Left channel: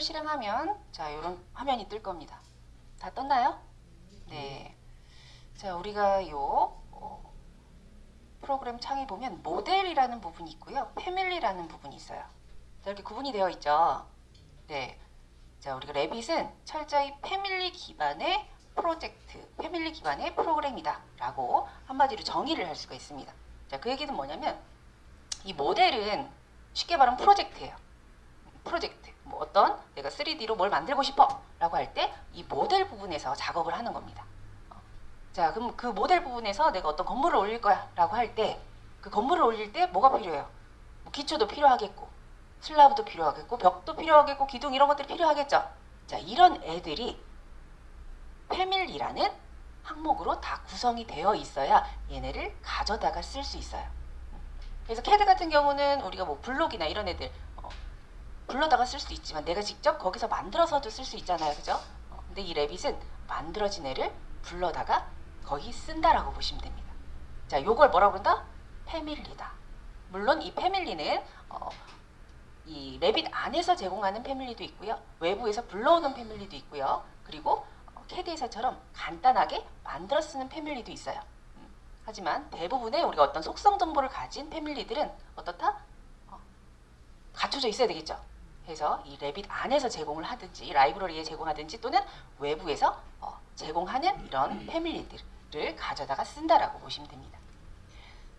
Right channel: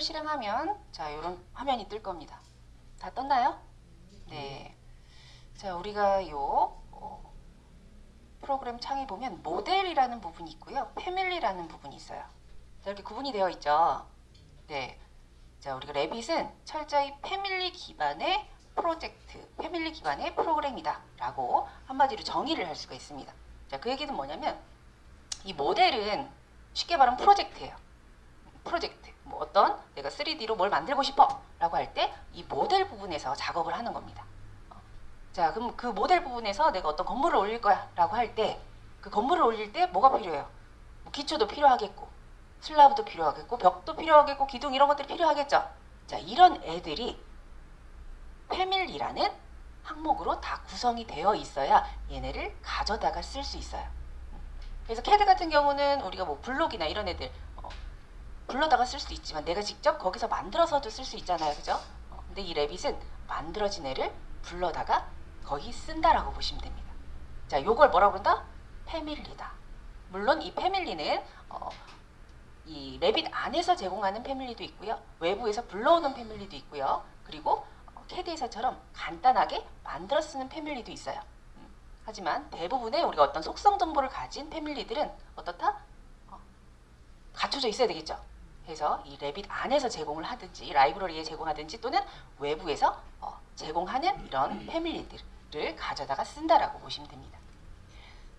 이거를 실행하면 자, 이런 화면이 뜰 겁니다. 다 떴나요? 네. 자, 우리가 프로그램 창에 보면 모델이라는 부분이 있고요. 패밀리라는 부분이 있어요. 자, 이렇게 구분이 되어 있죠. 네. 자, 우리가 레빗은 철저히 패밀리 기반의 프로젝트, 패밀리 기반의 프로그램이다 라고 한마디로 정의를 할 수가 있습니다. 자, 그 얘기는 뭐냐면 이 모델은 쉽게 말하면 프로젝트예요. 프로젝트. 뭐 어떤 내가 3D로 뭘 만들고 싶어 라고 할 때 이 모델 부분에서 작업을 하는 겁니다. 자, 그럼 그 모델 부분에서 내가 어떤 건물을 올릴 거야 라고 할 때 그 건물을 올릴 때 뭐가 필요해요? 기초도 필요하겠고 슬라브도 필요하겠고 벽도 필요하겠고 기둥 이런 것들이 필요하겠죠. 자, 이런 애들이 패밀리라는 항목으로 다 구성이 되어 있어야 얘네를 가져다가 쓸 수 있어요. 그래서 캐드 같은 경우는 우리가 뭐 블록이나 이런 애들 불러다가 쓸 수 있지만 내가 직접 거기서 만들어서도 쓸 수 있잖아요. 그죠? 근데 이 레빗은 만들어진 애를 불러다가 거의 쓴다라고 보시면 됩니다. 자, 요걸 뭐라고 한다? 패밀리다. 물론 이 패밀리는 이 레빗 안에서 제공하는 패밀리도 있고요. 외부에서 불러오는 패밀리도 있고요. 그리고 캐드에서처럼 간단하게 만들어 쓰는 패밀리도 있어요. 하지만 대부분의 우리가 어떤 속성 정보를 가진 패밀리들은 어떻다? 갖춰져 있어야 되겠죠. 그래서 이 레빗 안에서 제공을 하든지 라이브러리에 제공하든지 또는 외부에서 제공하는 이런 패밀리들을 가져다가 쓴다라고 보시면 됩니다.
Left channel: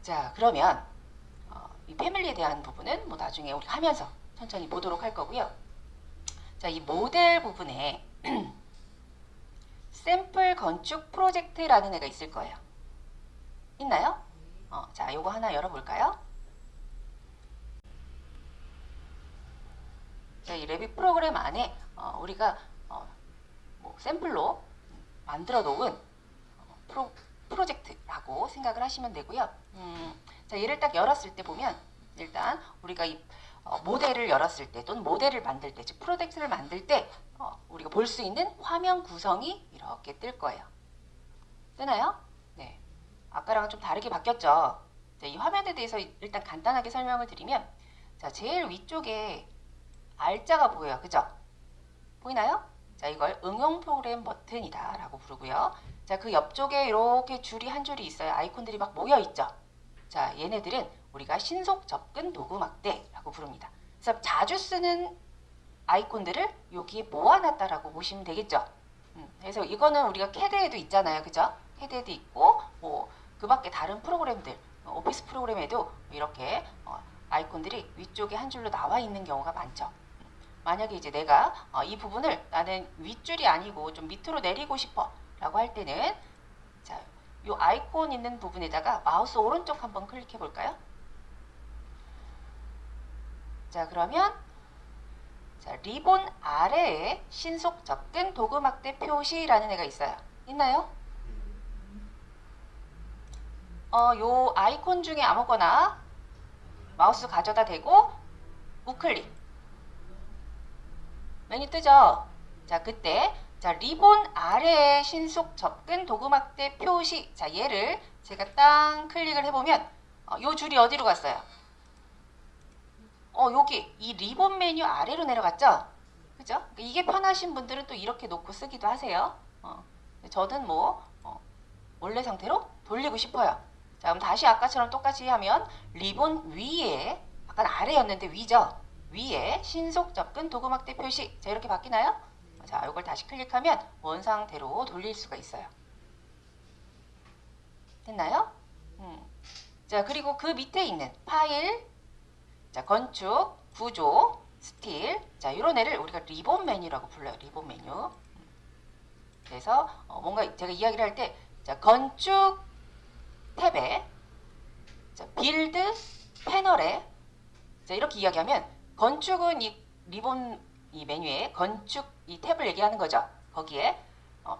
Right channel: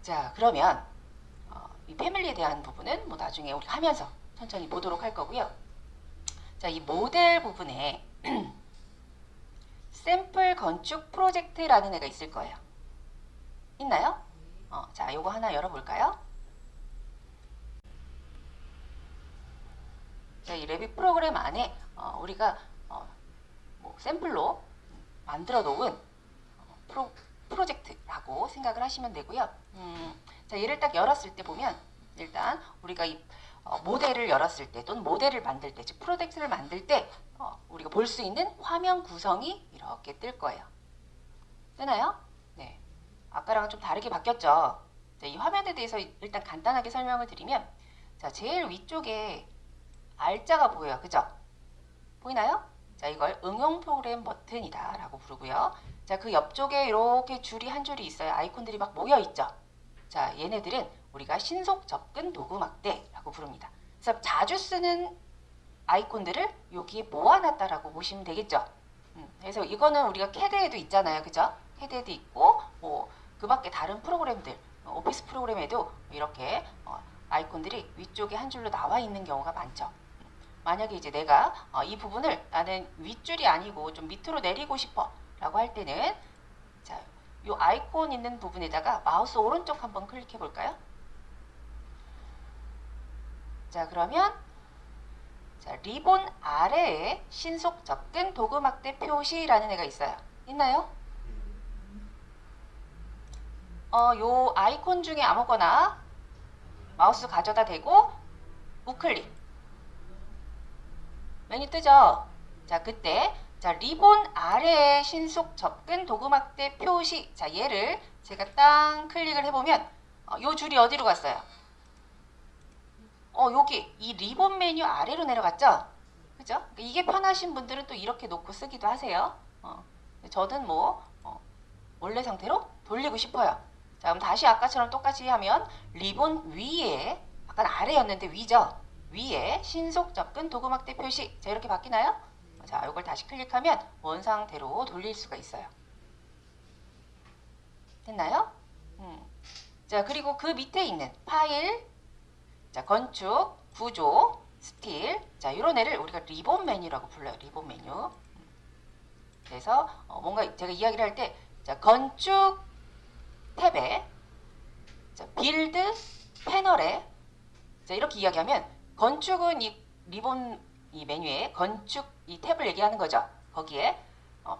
자, 그러면 이 패밀리에 대한 부분은 뭐 나중에 우리 하면서 천천히 보도록 할 거고요. 자, 이 모델 부분에 샘플 건축 프로젝트라는 애가 있을 거예요. 있나요? 자, 요거 하나 열어볼까요? 자, 이 레빗 프로그램 안에 우리가 뭐 샘플로 만들어 놓은 프로젝트라고 생각을 하시면 되고요. 자, 얘를 딱 열었을 때 보면 일단 우리가 이 모델을 열었을 때 또는 모델을 만들 때, 즉 프로젝트를 만들 때 우리가 볼 수 있는 화면 구성이 이렇게 뜰 거예요. 뜨나요? 네. 아까랑은 좀 다르게 바뀌었죠. 자, 이 화면에 대해서 일단 간단하게 설명을 드리면 자, 제일 위쪽에 알자가 보여요. 그죠? 보이나요? 자, 이걸 응용 프로그램 버튼이다 라고 부르고요. 자, 그 옆쪽에 이렇게 줄이 한 줄이 있어요. 아이콘들이 막 모여 있죠. 자, 얘네들은 우리가 신속 접근 도구막대라고 부릅니다. 그래서 자주 쓰는 아이콘들을 여기에 모아놨다라고 보시면 되겠죠. 그래서 이거는 우리가 캐드에도 있잖아요. 그죠? 캐드에도 있고 그 밖에 다른 프로그램들 오피스 프로그램에도 이렇게 아이콘들이 위쪽에 한 줄로 나와 있는 경우가 많죠. 만약에 이제 내가 이 부분을 나는 윗줄이 아니고 좀 밑으로 내리고 싶어 라고 할 때는 자, 이 아이콘 있는 부분에다가 마우스 오른쪽 한번 클릭해 볼까요? 자, 그러면 자, 리본 아래에 신속 접근 도구막대 표시라는 애가 있어요. 있나요? 요 아이콘 중에 아무거나 마우스 가져다 대고 우클릭 메뉴 뜨죠? 자, 그때 자, 리본 아래에 신속 접근 도구막대 표시. 자, 얘를 제가 딱 클릭을 해보면 요 줄이 어디로 갔어요? 여기 이 리본 메뉴 아래로 내려갔죠? 그죠? 이게 편하신 분들은 또 이렇게 놓고 쓰기도 하세요. 저는 뭐 원래 상태로 돌리고 싶어요. 자, 그럼 다시 아까처럼 똑같이 하면 리본 위에 아까 아래였는데 위죠? 위에 신속 접근 도구막대 표시. 자, 이렇게 바뀌나요? 자, 이걸 다시 클릭하면 원 상태로 돌릴 수가 있어요. 됐나요? 자, 그리고 그 밑에 있는 파일, 자, 건축, 구조, 스틸. 자, 이런 애를 우리가 리본 메뉴라고 불러요. 리본 메뉴. 그래서 뭔가 제가 이야기를 할 때, 자, 건축 탭에, 자, 빌드 패널에, 자, 이렇게 이야기하면 건축은 이 리본 이 메뉴에 건축 이 탭을 얘기하는 거죠. 거기에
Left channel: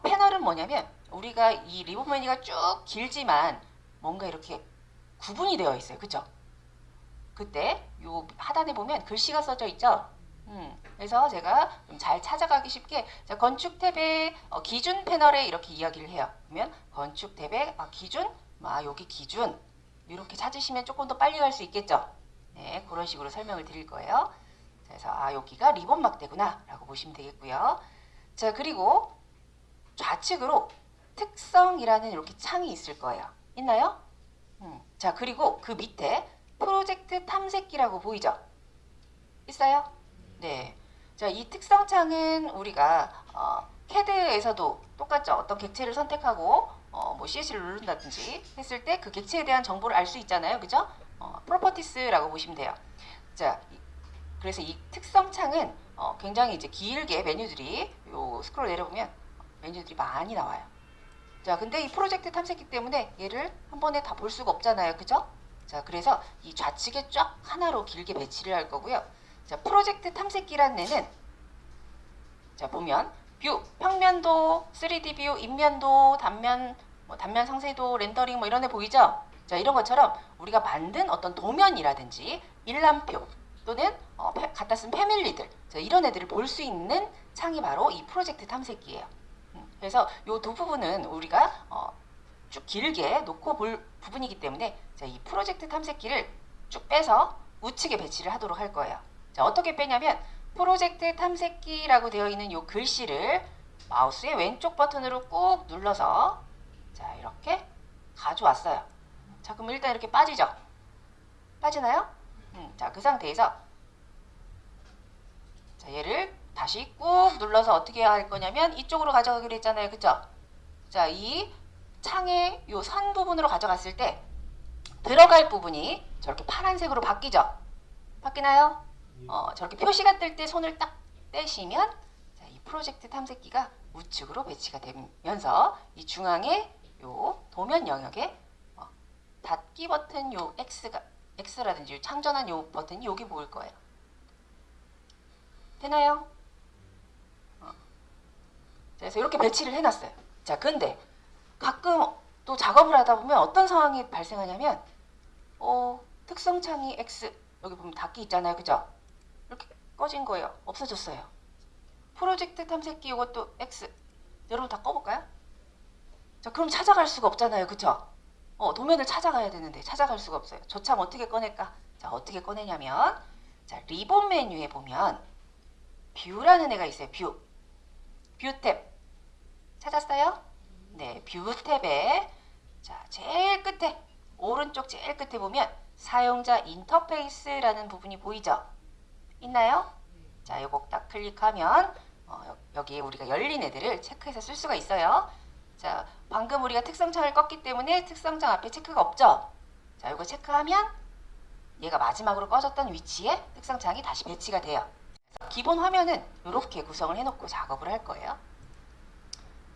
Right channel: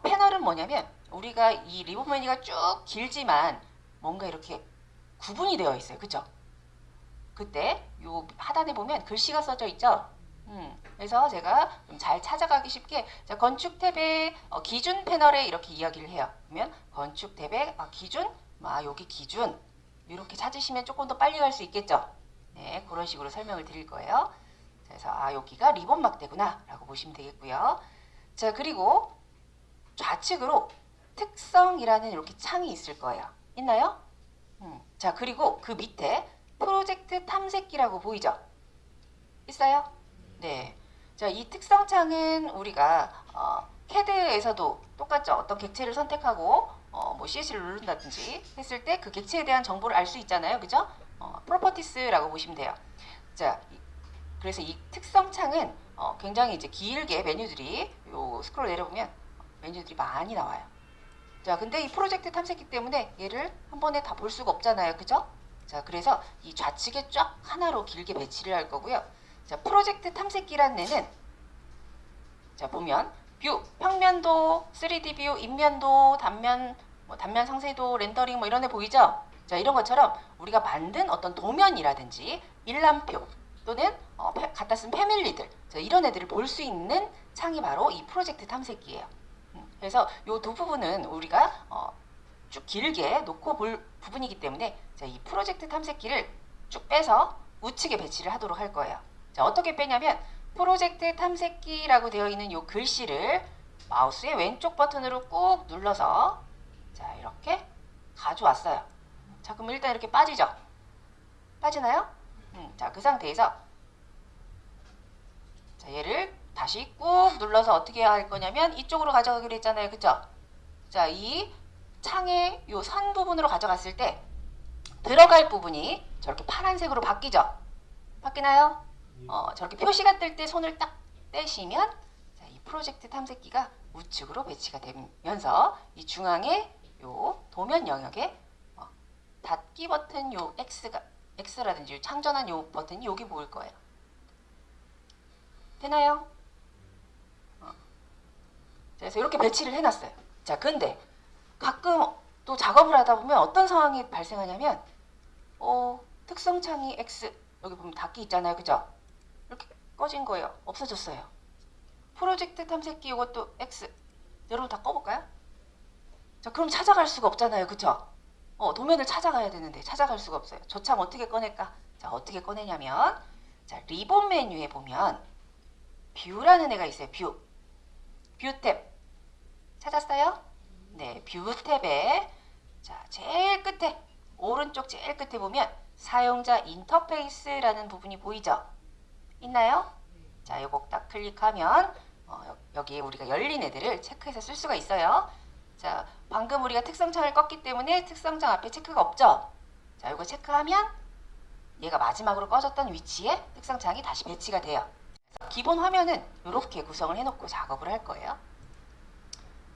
패널은 뭐냐면 우리가 이 리본 메뉴가 쭉 길지만 뭔가 이렇게 구분이 되어 있어요. 그죠? 그때 요 하단에 보면 글씨가 써져 있죠. 그래서 제가 좀 잘 찾아가기 쉽게 자, 건축 탭에 기준 패널에 이렇게 이야기를 해요. 그러면 건축 탭에 기준, 여기 기준 이렇게 찾으시면 조금 더 빨리 갈 수 있겠죠. 네, 그런 식으로 설명을 드릴 거예요. 그래서 여기가 리본 막대구나 라고 보시면 되겠고요. 자, 그리고 좌측으로 특성이라는 이렇게 창이 있을 거예요. 있나요? 자, 그리고 그 밑에 프로젝트 탐색기라고 보이죠? 있어요? 네. 자, 이 특성창은 우리가 캐드에서도 똑같죠. 어떤 객체를 선택하고 뭐 CS를 누른다든지 했을 때 그 객체에 대한 정보를 알 수 있잖아요. 그죠? 프로퍼티스라고 보시면 돼요. 자, 그래서 이 특성창은 굉장히 이제 길게 메뉴들이 스크롤 내려보면 메뉴들이 많이 나와요. 자, 근데 이 프로젝트 탐색기 때문에 얘를 한 번에 다 볼 수가 없잖아요. 그죠? 자, 그래서 이 좌측에 쫙 하나로 길게 배치를 할 거고요. 자, 프로젝트 탐색기라는 애는 자, 보면 뷰, 평면도, 3D 뷰, 인면도, 단면, 단면 상세도, 렌더링 뭐 이런 애 보이죠? 자, 이런 것처럼 우리가 만든 어떤 도면이라든지 일람표 또는 갖다 쓴 패밀리들, 자, 이런 애들을 볼 수 있는 창이 바로 이 프로젝트 탐색기예요. 그래서 이 두 부분은 우리가 쭉 길게 놓고 볼 부분이기 때문에 자, 이 프로젝트 탐색기를 쭉 빼서 우측에 배치를 하도록 할 거예요. 자, 어떻게 빼냐면 프로젝트 탐색기라고 되어 있는 이 글씨를 마우스의 왼쪽 버튼으로 꾹 눌러서 자, 이렇게 가져왔어요. 자, 그럼 일단 이렇게 빠지죠? 빠지나요? 자, 그 상태에서 자, 얘를 다시 꾹 눌러서 어떻게 할 거냐면 이쪽으로 가져가기로 했잖아요. 그쵸? 자, 이 창의 이 선 부분으로 가져갔을 때 들어갈 부분이 저렇게 파란색으로 바뀌죠? 바뀌나요? 저렇게 표시가 뜰 때 손을 딱 떼시면 이 프로젝트 탐색기가 우측으로 배치가 되면서 이 중앙에 요 도면 영역에 닫기 버튼 요 X라든지 참전한 요 버튼이 여기 보일 거예요. 되나요? 그래서 이렇게 배치를 해놨어요. 자, 근데 가끔 또 작업을 하다 보면 어떤 상황이 발생하냐면 특성창이 X 여기 보면 닫기 있잖아요. 그죠? 이렇게 꺼진 거예요. 없어졌어요. 프로젝트 탐색기 이것도 X 여러분 다 꺼볼까요? 자, 그럼 찾아갈 수가 없잖아요. 그죠? 도면을 찾아가야 되는데 찾아갈 수가 없어요. 저 창 어떻게 꺼낼까? 자, 어떻게 꺼내냐면 자, 리본 메뉴에 보면 뷰라는 애가 있어요. 뷰 탭 찾았어요? 네, 뷰 탭에 자, 제일 끝에 오른쪽 제일 끝에 보면 사용자 인터페이스라는 부분이 보이죠? 있나요? 자, 요거 딱 클릭하면 여기 우리가 열린 애들을 체크해서 쓸 수가 있어요. 자, 방금 우리가 특성창을 껐기 때문에 특성창 앞에 체크가 없죠? 자, 이거 체크하면 얘가 마지막으로 꺼졌던 위치에 특성창이 다시 배치가 돼요. 기본 화면은 이렇게 구성을 해놓고 작업을 할 거예요.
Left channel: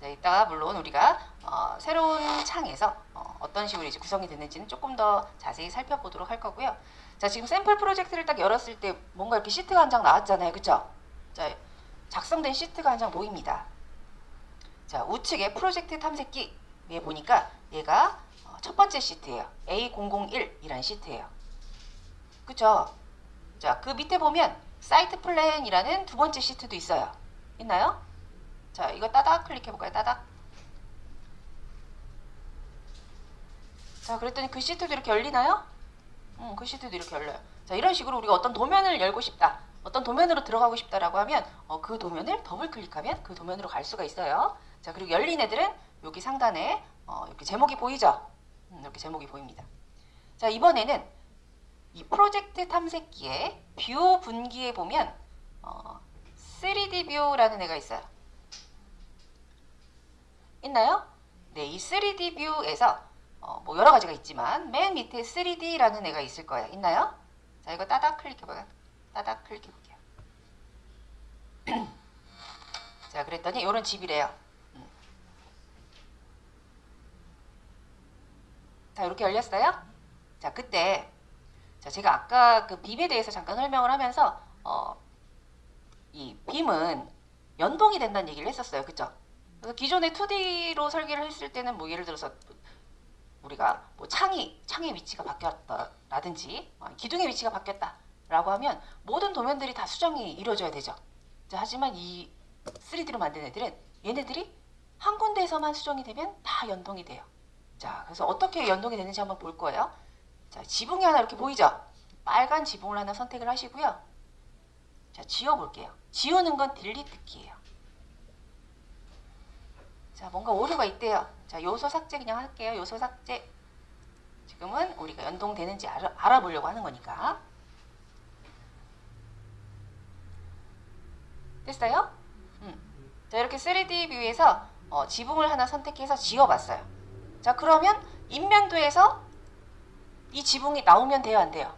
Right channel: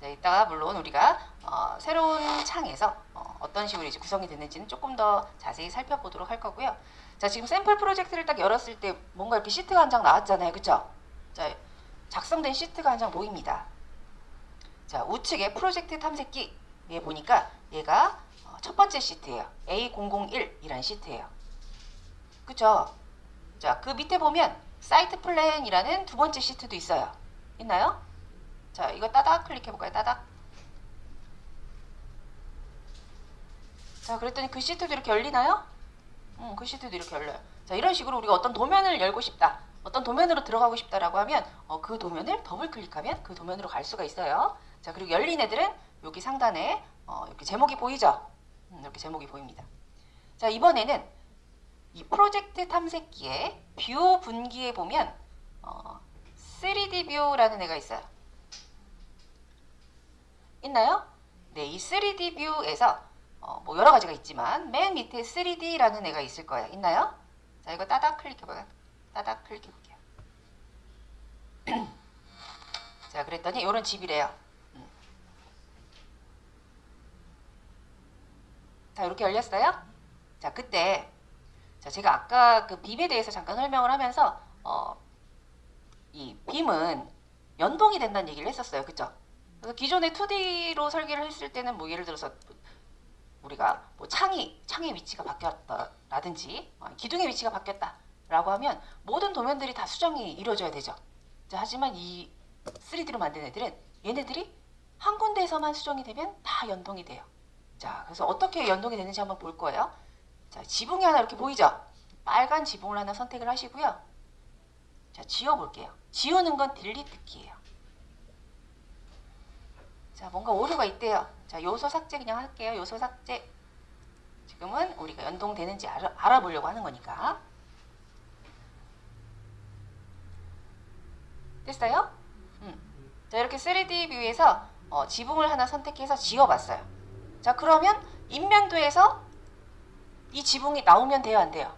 자, 일단 물론 우리가 새로운 창에서 어떤 식으로 이제 구성이 됐는지는 조금 더 자세히 살펴보도록 할 거고요. 자, 지금 샘플 프로젝트를 딱 열었을 때 뭔가 이렇게 시트가 한 장 나왔잖아요. 그쵸? 자, 작성된 시트가 한 장 보입니다. 자, 우측에 프로젝트 탐색기에 보니까 얘가 첫 번째 시트예요. A001이라는 시트예요. 그쵸? 자, 그 밑에 보면 사이트 플랜이라는 두 번째 시트도 있어요. 있나요? 자, 이거 따닥 클릭해볼까요? 따닥. 자, 그랬더니 그 시트도 이렇게 열리나요? 그 시트도 이렇게 열려요. 자, 이런 식으로 우리가 어떤 도면을 열고 싶다, 어떤 도면으로 들어가고 싶다라고 하면 그 도면을 더블 클릭하면 그 도면으로 갈 수가 있어요. 자, 그리고 열린 애들은 여기 상단에 이렇게 제목이 보이죠? 이렇게 제목이 보입니다. 자, 이번에는 이 프로젝트 탐색기의 뷰 분기에 보면 3D 뷰라는 애가 있어요. 있나요? 네, 이 3D 뷰에서 뭐 여러 가지가 있지만 맨 밑에 3D라는 애가 있을 거예요. 있나요? 자, 이거 따닥 클릭해봐요. 따닥 클릭해볼게요. 자, 그랬더니 이런 집이래요. 자, 이렇게 열렸어요? 자, 그때 자, 제가 아까 그 빔에 대해서 잠깐 설명을 하면서 이 빔은 연동이 된다는 얘기를 했었어요. 그쵸? 기존에 2D로 설계를 했을 때는 뭐 예를 들어서 우리가 뭐 창의 위치가 바뀌었다 라든지 기둥의 위치가 바뀌었다 라고 하면 모든 도면들이 다 수정이 이루어져야 되죠. 자, 하지만 이 3D로 만든 애들은 얘네들이 한 군데에서만 수정이 되면 다 연동이 돼요. 자, 그래서 어떻게 연동이 되는지 한번 볼 거예요. 자, 지붕이 하나 이렇게 보이죠? 빨간 지붕을 하나 선택을 하시고요. 자, 지워볼게요. 지우는 건 딜리트 키예요. 자, 뭔가 오류가 있대요. 자, 요소 삭제 그냥 할게요. 요소 삭제. 지금은 우리가 연동되는지 알아보려고 하는 거니까. 됐어요? 자, 이렇게 3D 뷰에서 지붕을 하나 선택해서 지워봤어요. 자, 그러면 인면도에서 이 지붕이 나오면 돼요, 안 돼요?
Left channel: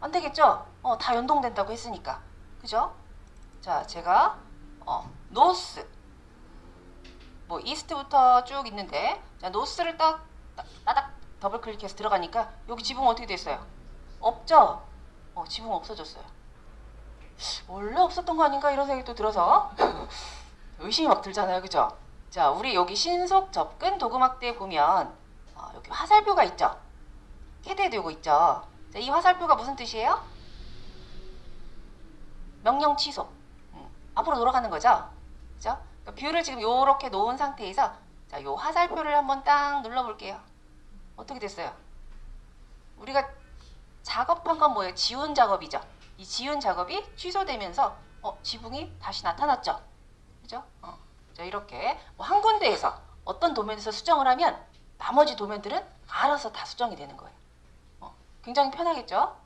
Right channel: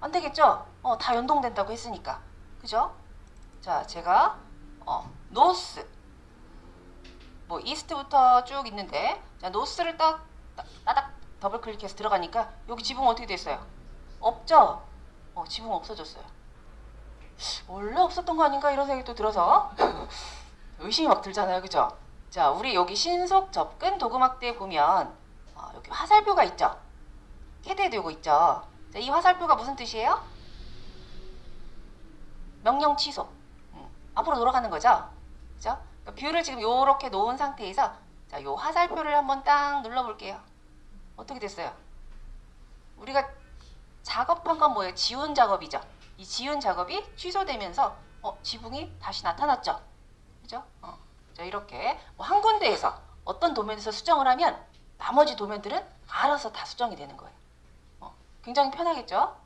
안 되겠죠? 다 연동된다고 했으니까. 그죠? 자, 제가 노스 뭐 이스트부터 쭉 있는데, 자, 노스를 따닥 더블 클릭해서 들어가니까 여기 지붕 어떻게 됐어요? 없죠? 지붕 없어졌어요. 원래 없었던 거 아닌가 이런 생각도 들어서 의심이 막 들잖아요, 그죠? 자, 우리 여기 신속 접근 도구막대에 보면 여기 화살표가 있죠? 캐대되고 있죠? 자, 이 화살표가 무슨 뜻이에요? 명령 취소. 앞으로 돌아가는 거죠? 그죠? 뷰를 지금 요렇게 놓은 상태에서, 자, 요 화살표를 한번 딱 눌러볼게요. 어떻게 됐어요? 우리가 작업한 건 뭐예요? 지운 작업이죠? 이 지운 작업이 취소되면서 지붕이 다시 나타났죠? 그죠? 자, 이렇게 한 군데에서 어떤 도면에서 수정을 하면 나머지 도면들은 알아서 다 수정이 되는 거예요. 굉장히 편하겠죠?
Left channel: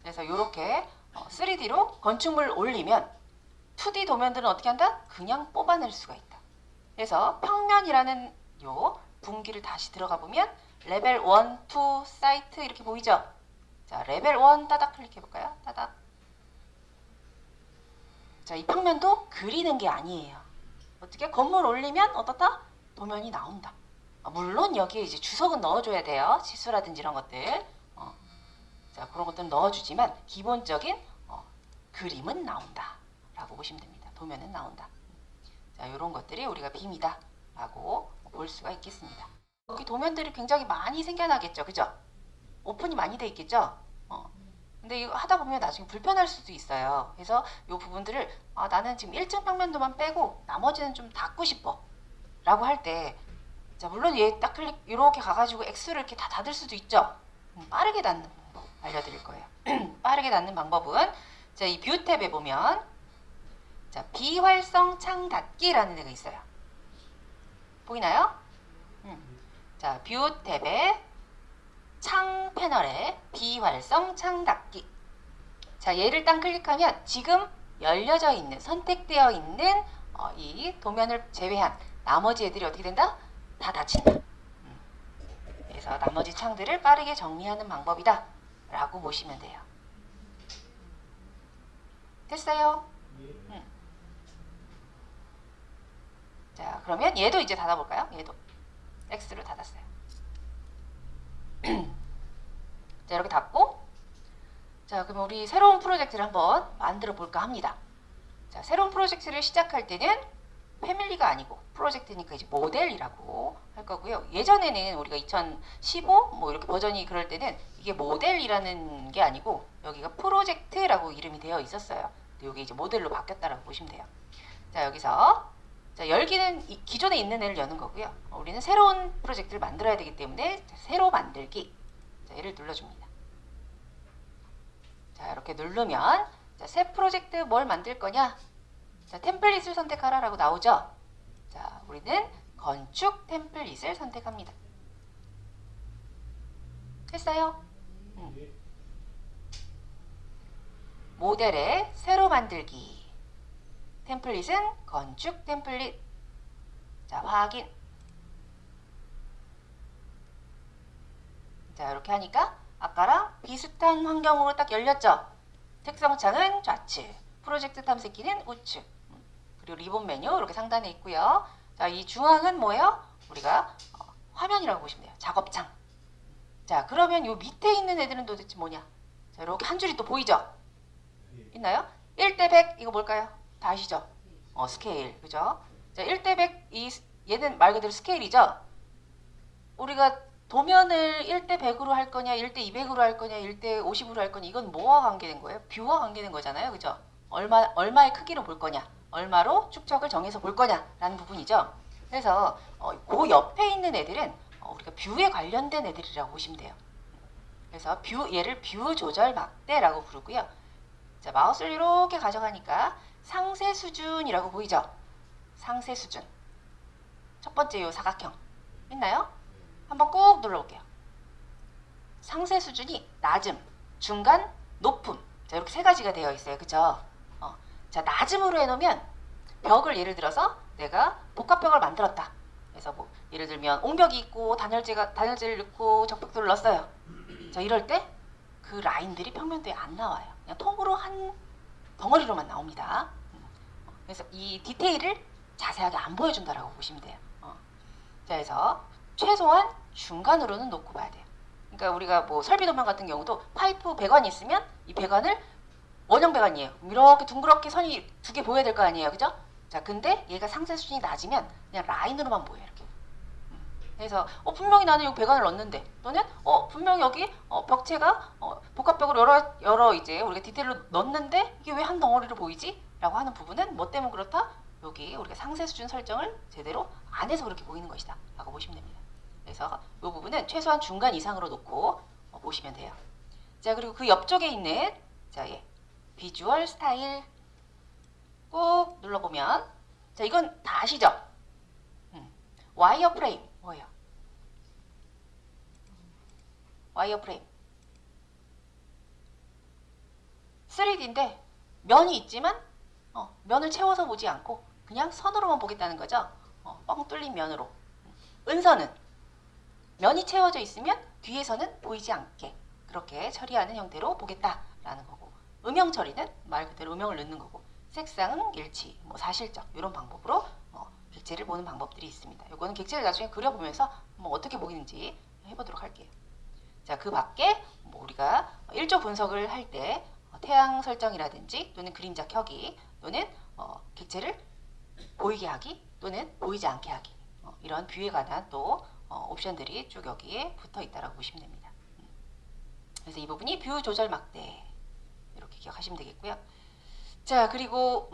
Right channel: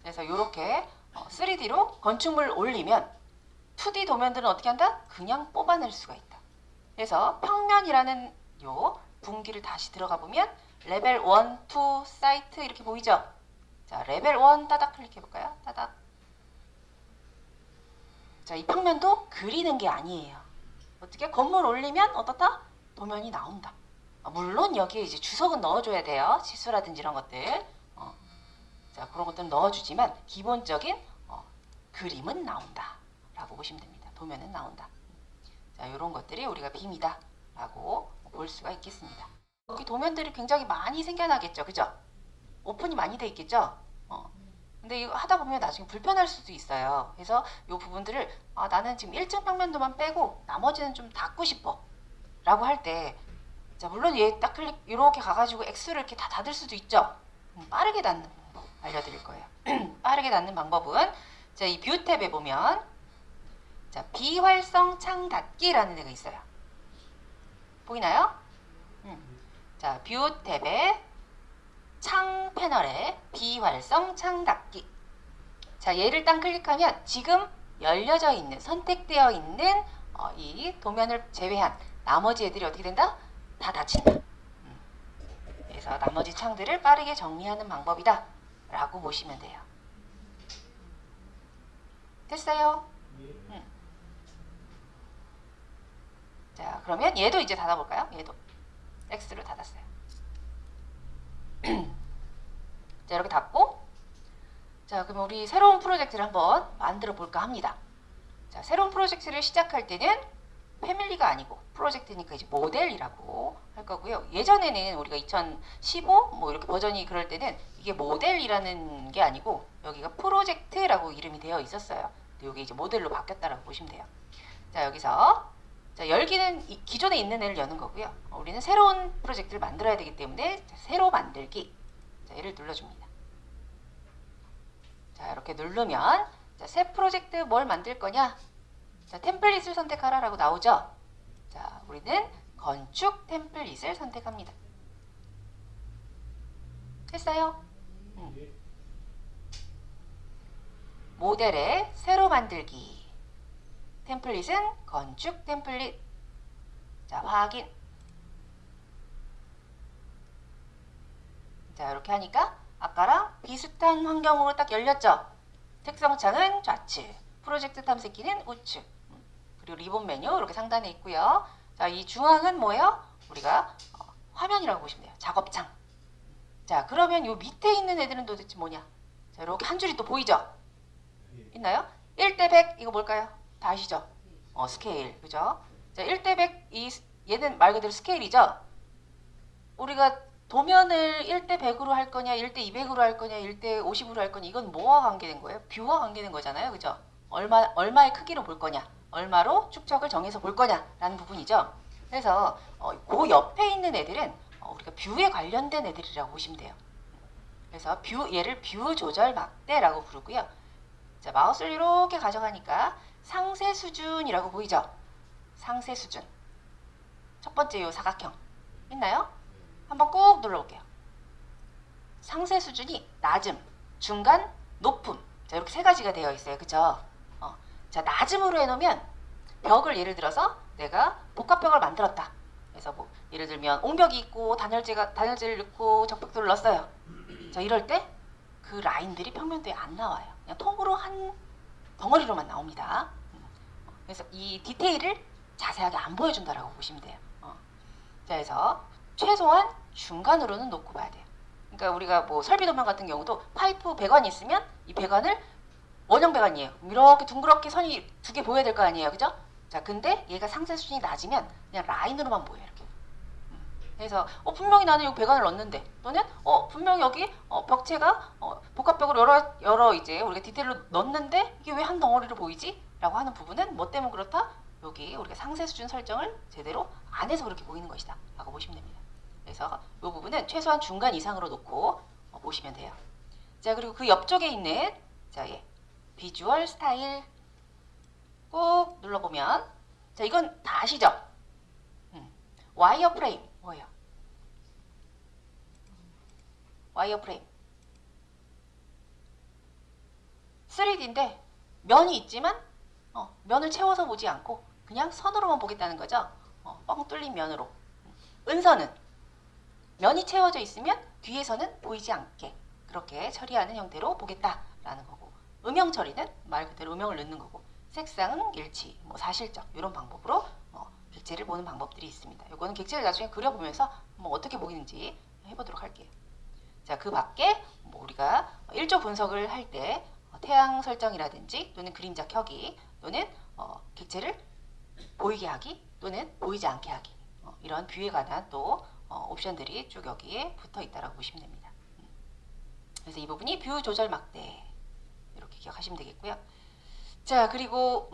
그래서 이렇게 3D로 건축물을 올리면 2D 도면들은 어떻게 한다? 그냥 뽑아낼 수가 있다. 그래서 평면이라는 요 분기를 다시 들어가 보면 레벨 1, 2 사이트 이렇게 보이죠? 자, 레벨 1 따닥 클릭해볼까요? 따닥. 자, 이 평면도 그리는 게 아니에요. 어떻게? 건물 올리면 어떻다? 도면이 나온다. 물론 여기에 이제 주석은 넣어줘야 돼요. 치수라든지 이런 것들. 자, 그런 것들은 넣어주지만 기본적인 그림은 나온다 라고 보시면 됩니다. 도면은 나온다. 자, 이런 것들이 우리가 빔이다 라고 볼 수가 있겠습니다. 여기 도면들이 굉장히 많이 생겨나겠죠, 그죠? 오픈이 많이 돼 있겠죠? 근데 이거 하다 보면 나중에 불편할 수도 있어요. 그래서 이 부분들을 나는 지금 1층 평면도만 빼고 나머지는 좀 닫고 싶어 라고 할 때, 자, 물론 여기 딱 클릭 이렇게 가가지고 X를 이렇게 다 닫을 수도 있죠. 빠르게 닫는 방법 알려드릴 거예요. 빠르게 닫는 방법은, 자, 이 뷰 탭에 보면, 자, 비활성 창 닫기라는 데가 있어요. 보이나요? 자, 뷰 탭에 창 패널에 비활성 창 닫기. 자, 얘를 딱 클릭하면 지금 열려져 있는, 선택되어 있는 이 도면을 제외한 나머지 애들이 어떻게 된다? 다 닫힌다. 그래서 나머지 창들을 빠르게 정리하는 방법이다 라고 보시면 돼요. 됐어요? 자, 그러면 얘도 이제 닫아볼까요? 얘도 X로 닫았어요. 자, 이렇게 닫고, 자, 그럼 우리 새로운 프로젝트를 한번 만들어 볼까 합니다. 자, 새로운 프로젝트를 시작할 때는 패밀리가 아니고 프로젝트니까 이제 모델이라고 할 거고요. 예전에는 우리가 2015 뭐 이렇게 버전이 그럴 때는 이게 모델이라는 게 아니고 여기가 프로젝트라고 이름이 되어 있었어요. 여기 이제 모델로 바뀌었다라고 보시면 돼요. 자, 여기서 자, 열기는 기존에 있는 애를 여는 거고요. 우리는 새로운 프로젝트를 만들어야 되기 때문에 자, 새로 만들기. 자, 얘를 눌러줍니다. 자, 이렇게 누르면 자, 새 프로젝트에 뭘 만들 거냐? 자, 템플릿을 선택하라고 나오죠? 자, 우리는 건축 템플릿을 선택합니다. 됐어요? 모델에 새로 만들기. 템플릿은 건축 템플릿. 자, 확인. 자, 이렇게 하니까 아까랑 비슷한 환경으로 딱 열렸죠? 특성창은 좌측, 프로젝트 탐색기는 우측, 그리고 리본 메뉴 이렇게 상단에 있고요. 자, 이 중앙은 뭐예요? 우리가 화면이라고 보시면 돼요. 작업창. 자, 그러면 이 밑에 있는 애들은 도대체 뭐냐? 자, 이렇게 한 줄이 또 보이죠? 있나요? 1대 100 이거 뭘까요? 다 아시죠? 스케일, 그죠? 자, 1대 100 얘는 말 그대로 스케일이죠? 우리가 도면을 1대 100으로 할 거냐, 1대 200으로 할 거냐, 1대 50으로 할 거냐, 이건 뭐와 관계된 거예요? 뷰와 관계된 거잖아요, 그죠? 얼마의 크기로 볼 거냐, 얼마로 축척을 정해서 볼 거냐라는 부분이죠. 그래서 그 옆에 있는 애들은 우리가 뷰에 관련된 애들이라고 보시면 돼요. 그래서 얘를 뷰 조절 막대라고 부르고요. 자, 마우스를 이렇게 가져가니까 상세 수준이라고 보이죠? 상세 수준. 첫 번째 요 사각형. 있나요? 한번 꼭 눌러볼게요. 상세 수준이 낮음, 중간, 높음. 자, 이렇게 세 가지가 되어 있어요. 그죠? 자, 낮음으로 해놓으면 벽을 예를 들어서 내가 복합벽을 만들었다. 그래서 뭐 예를 들면 옹벽이 있고 단열재를 넣고 적벽돌을 넣었어요. 자, 이럴 때 그 라인들이 평면도에 안 나와요. 그냥 통으로 한 덩어리로만 나옵니다. 그래서 이 디테일을 자세하게 안 보여준다라고 보시면 돼요. 그래서 최소한 중간으로는 놓고 봐야 돼요. 그러니까 우리가 뭐 설비도면 같은 경우도 파이프 배관이 있으면 이 배관을 원형 배관이에요. 이렇게 둥그렇게 선이 두 개 보여야 될 거 아니에요. 그죠? 자, 근데 얘가 상세 수준이 낮으면 그냥 라인으로만 보여요. 이렇게. 그래서 분명히 나는 여기 배관을 넣었는데 또는 분명히 여기 벽체가 복합벽을 여러 이제 우리가 디테일로 넣었는데 이게 왜 한 덩어리로 보이지? 라고 하는 부분은 뭐 때문에 그렇다? 여기 우리가 상세 수준 설정을 제대로 안 해서 그렇게 보이는 것이다 라고 보시면 됩니다. 그래서 이 부분은 최소한 중간 이상으로 놓고 보시면 돼요. 자, 그리고 그 옆쪽에 있는 자, 비주얼 스타일 꾹 눌러보면 자, 이건 다 아시죠? 와이어 프레임 와이어 프레임 3D인데 면이 있지만 면을 채워서 보지 않고 그냥 선으로만 보겠다는 거죠. 뚫린 면으로. 은선은 면이 채워져 있으면 뒤에서는 보이지 않게 그렇게 처리하는 형태로 보겠다라는 거고, 음영 처리는 말 그대로 음영을 넣는 거고, 색상, 일치, 뭐 사실적 이런 방법으로 객체를 보는 방법들이 있습니다. 이거는 객체를 나중에 그려보면서 어떻게 보이는지 해보도록 할게요. 자, 그 밖에 우리가 일조 분석을 할 때 태양 설정이라든지 또는 그림자 켜기 또는 객체를 보이게 하기 또는 보이지 않게 하기 이런 뷰에 관한 또 옵션들이 쭉 여기에 붙어 있다고 보시면 됩니다. 그래서 이 부분이 뷰 조절 막대 이렇게 기억하시면 되겠고요. 자, 그리고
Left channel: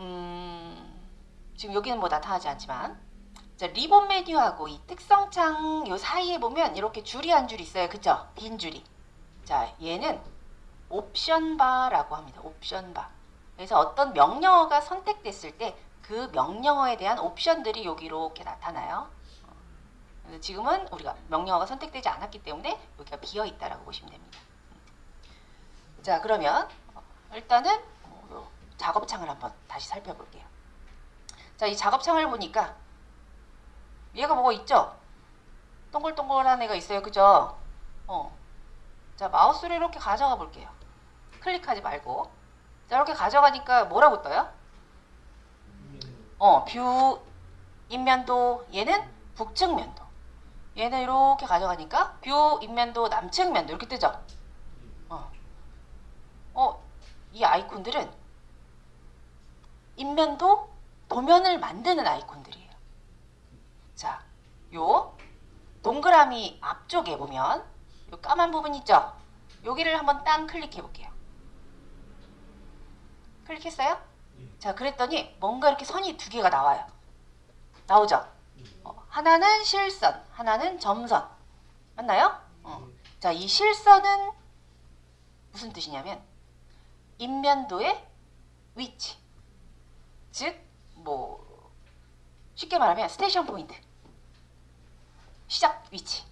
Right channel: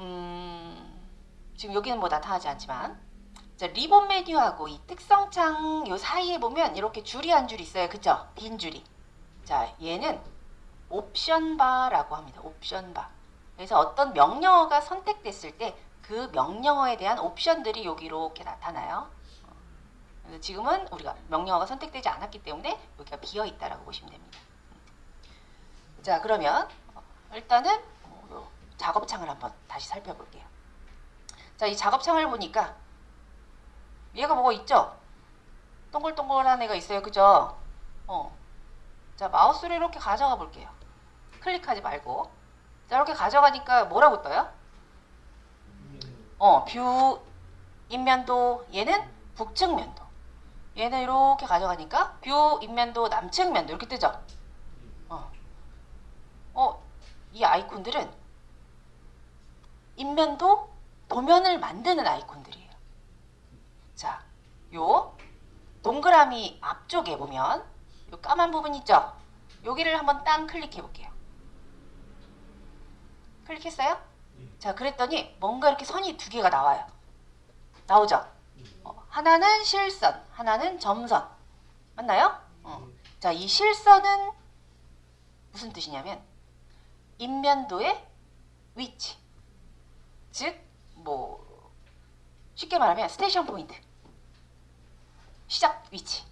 지금 여기는 뭐 나타나지 않지만 자, 리본 메뉴하고 이 특성창 요 사이에 보면 이렇게 줄이 한 줄 있어요. 그쵸? 빈 줄이. 자, 얘는 옵션 바라고 합니다. 옵션 바. 그래서 어떤 명령어가 선택됐을 때 그 명령어에 대한 옵션들이 여기 이렇게 나타나요. 지금은 우리가 명령어가 선택되지 않았기 때문에 여기가 비어 있다라고 보시면 됩니다. 자, 그러면 일단은 작업창을 한번 다시 살펴볼게요. 자, 이 작업창을 보니까 얘가 뭐가 있죠? 동글동글한 애가 있어요. 그죠? 자, 마우스를 이렇게 가져가 볼게요. 클릭하지 말고. 자, 이렇게 가져가니까 뭐라고 떠요? 뷰 인면도, 얘는 북측 면도. 얘는 이렇게 가져가니까 뷰 인면도, 남측 면도 이렇게 뜨죠? 이 아이콘들은 인면도, 도면을 만드는 아이콘들이에요. 자, 요 동그라미 앞쪽에 보면 요 까만 부분 있죠? 여기를 한번 딱 클릭해 볼게요. 클릭했어요? 자, 그랬더니 뭔가 이렇게 선이 두 개가 나와요. 나오죠? 하나는 실선, 하나는 점선. 맞나요? 자, 이 실선은 무슨 뜻이냐면 인면도의 위치. 즉, 쉽게 말하면 스테이션 포인트. 시작 위치.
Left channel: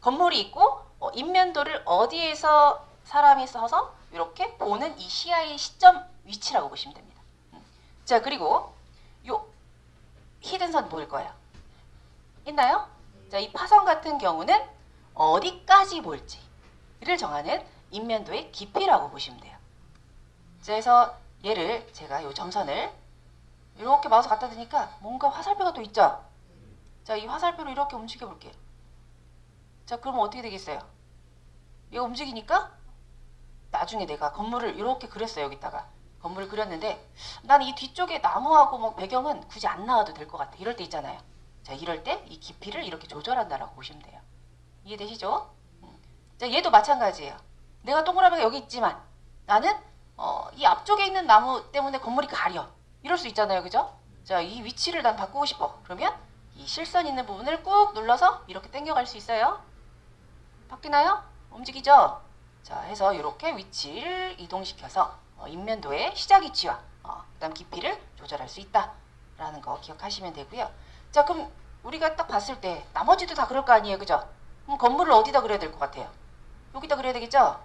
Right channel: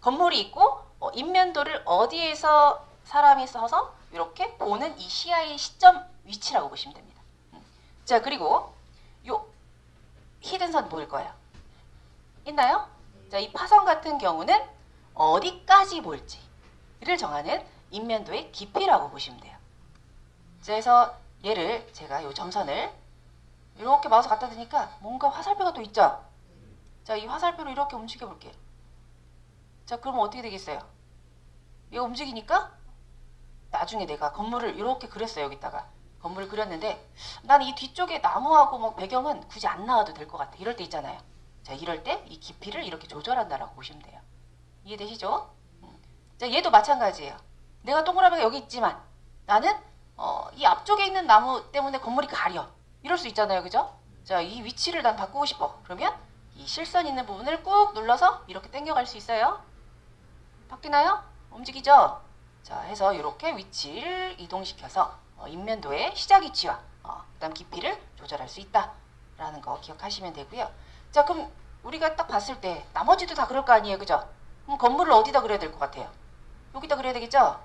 건물이 있고 인면도를 어디에서 사람이 서서 이렇게 보는 이 시야의 시점 위치라고 보시면 됩니다. 자, 그리고 요 히든선 보일 거예요. 있나요? 자, 이 파선 같은 경우는 어디까지 볼지를 정하는 인면도의 깊이라고 보시면 돼요. 그래서 얘를 제가 요 점선을 이렇게 마우스 갖다 대니까 뭔가 화살표가 또 있죠? 자, 이 화살표를 이렇게 움직여 볼게요. 자, 그러면 어떻게 되겠어요? 얘가 움직이니까 나중에 내가 건물을 이렇게 그렸어요. 여기다가 건물을 그렸는데 난 이 뒤쪽에 나무하고 배경은 굳이 안 나와도 될 것 같아. 이럴 때 있잖아요. 자, 이럴 때 이 깊이를 이렇게 조절한다라고 보시면 돼요. 이해되시죠? 자, 얘도 마찬가지예요. 내가 동그라미가 여기 있지만 나는 이 앞쪽에 있는 나무 때문에 건물이 가려. 이럴 수 있잖아요. 그죠? 자, 이 위치를 난 바꾸고 싶어. 그러면 이 실선 있는 부분을 꾹 눌러서 이렇게 당겨갈 수 있어요. 바뀌나요? 움직이죠? 자, 해서 이렇게 위치를 이동시켜서 인면도의 시작 위치와 그다음 깊이를 조절할 수 있다라는 거 기억하시면 되고요. 자, 그럼 우리가 딱 봤을 때 나머지도 다 그럴 거 아니에요, 그죠? 그럼 건물을 어디다 그려야 될 것 같아요? 여기다 그려야 되겠죠?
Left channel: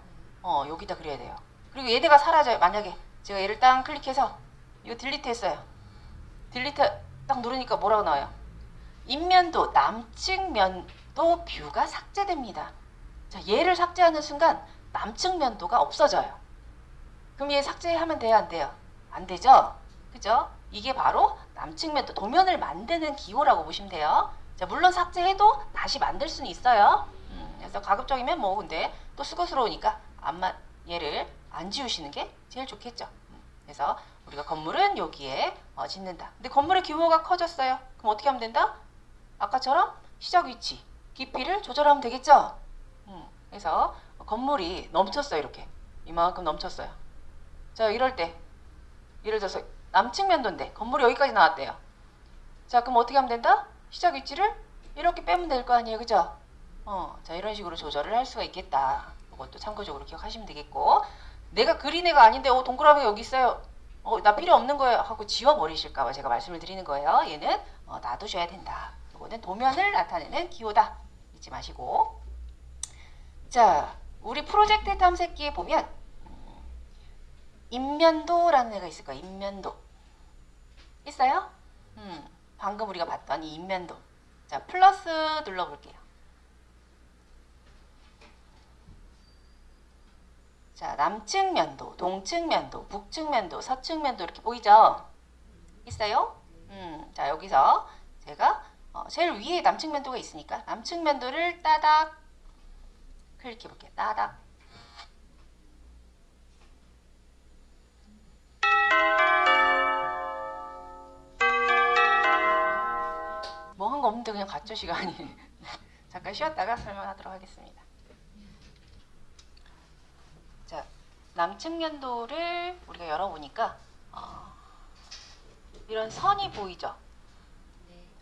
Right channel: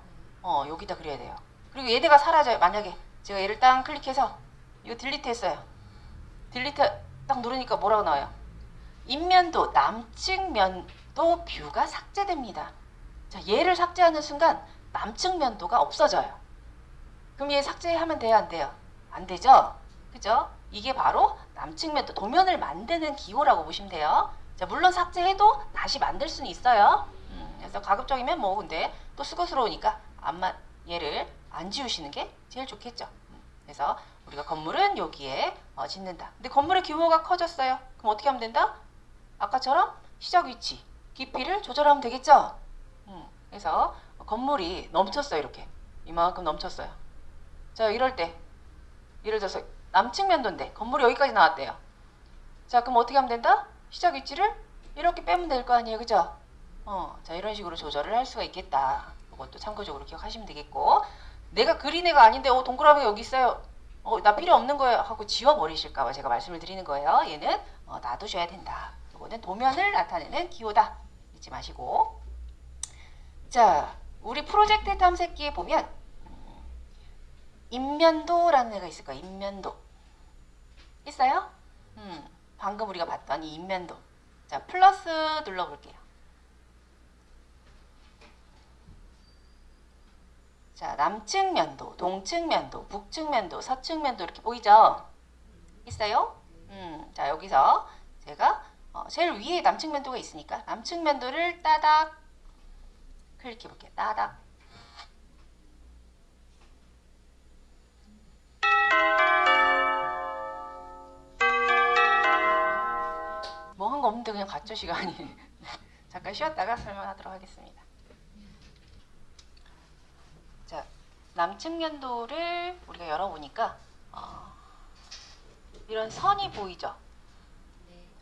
여기다 그려야 돼요. 그리고 얘네가 사라져요. 만약에 제가 얘를 딱 클릭해서 이거 딜리트 했어요. 딜리트 딱 누르니까 뭐라고 나와요? 인면도 남측면도 뷰가 삭제됩니다. 자, 얘를 삭제하는 순간 남측면도가 없어져요. 그럼 얘 삭제하면 돼요, 안 돼요? 안 되죠? 그죠? 이게 바로 남측면도 도면을 만드는 기호라고 보시면 돼요. 자, 물론 삭제해도 다시 만들 수는 있어요. 그래서 가급적이면 뭐 근데 또 수고스러우니까 얘를 안 지우시는 게 제일 좋겠죠. 그래서 우리가 건물은 여기에 짓는다. 근데 건물의 규모가 커졌어요. 그럼 어떻게 하면 된다? 아까처럼 시작 위치, 깊이를 조절하면 되겠죠? 그래서 건물이 넘쳤어요. 이렇게 이만큼 넘쳤어요. 자, 이럴 때 예를 들어서 남측면도인데 건물이 여기까지 나왔대요. 자, 그럼 어떻게 하면 된다? 시작 위치를 이렇게 빼면 될 거 아니에요, 그죠? 자, 이런 식으로 조절을 할 수가 있겠다. 이것도 참고적으로 기억하시면 되겠고, 내가 그린 애가 아닌데 동그라미 여기 있어요. 나 필요 없는 거예요 하고 지워버리실까 봐 제가 말씀을 드리는 거예요. 얘는 놔두셔야 된다. 이거는 도면을 나타내는 기호다. 잊지 마시고. 자, 우리 프로젝트 탐색기에 보면 인면도라는 애가 있을 거예요. 인면도 있어요? 방금 우리가 봤던 이 인면도. 자, 플러스 눌러볼게요. 자, 남측면도, 동측면도, 북측면도, 서측면도 이렇게 보이죠? 있어요? 자, 여기서 제가 제일 위에 남측면도가 있으니까 남측면도를 따닥 클릭해 볼게요. 따닥. 뭐 한 거 없는데 그냥 가짜 시간이. 잠깐 쉬었다가 설명하도록 하겠습니다. 자, 남측면도를 우리가 열어보니까 이런 선이 보이죠?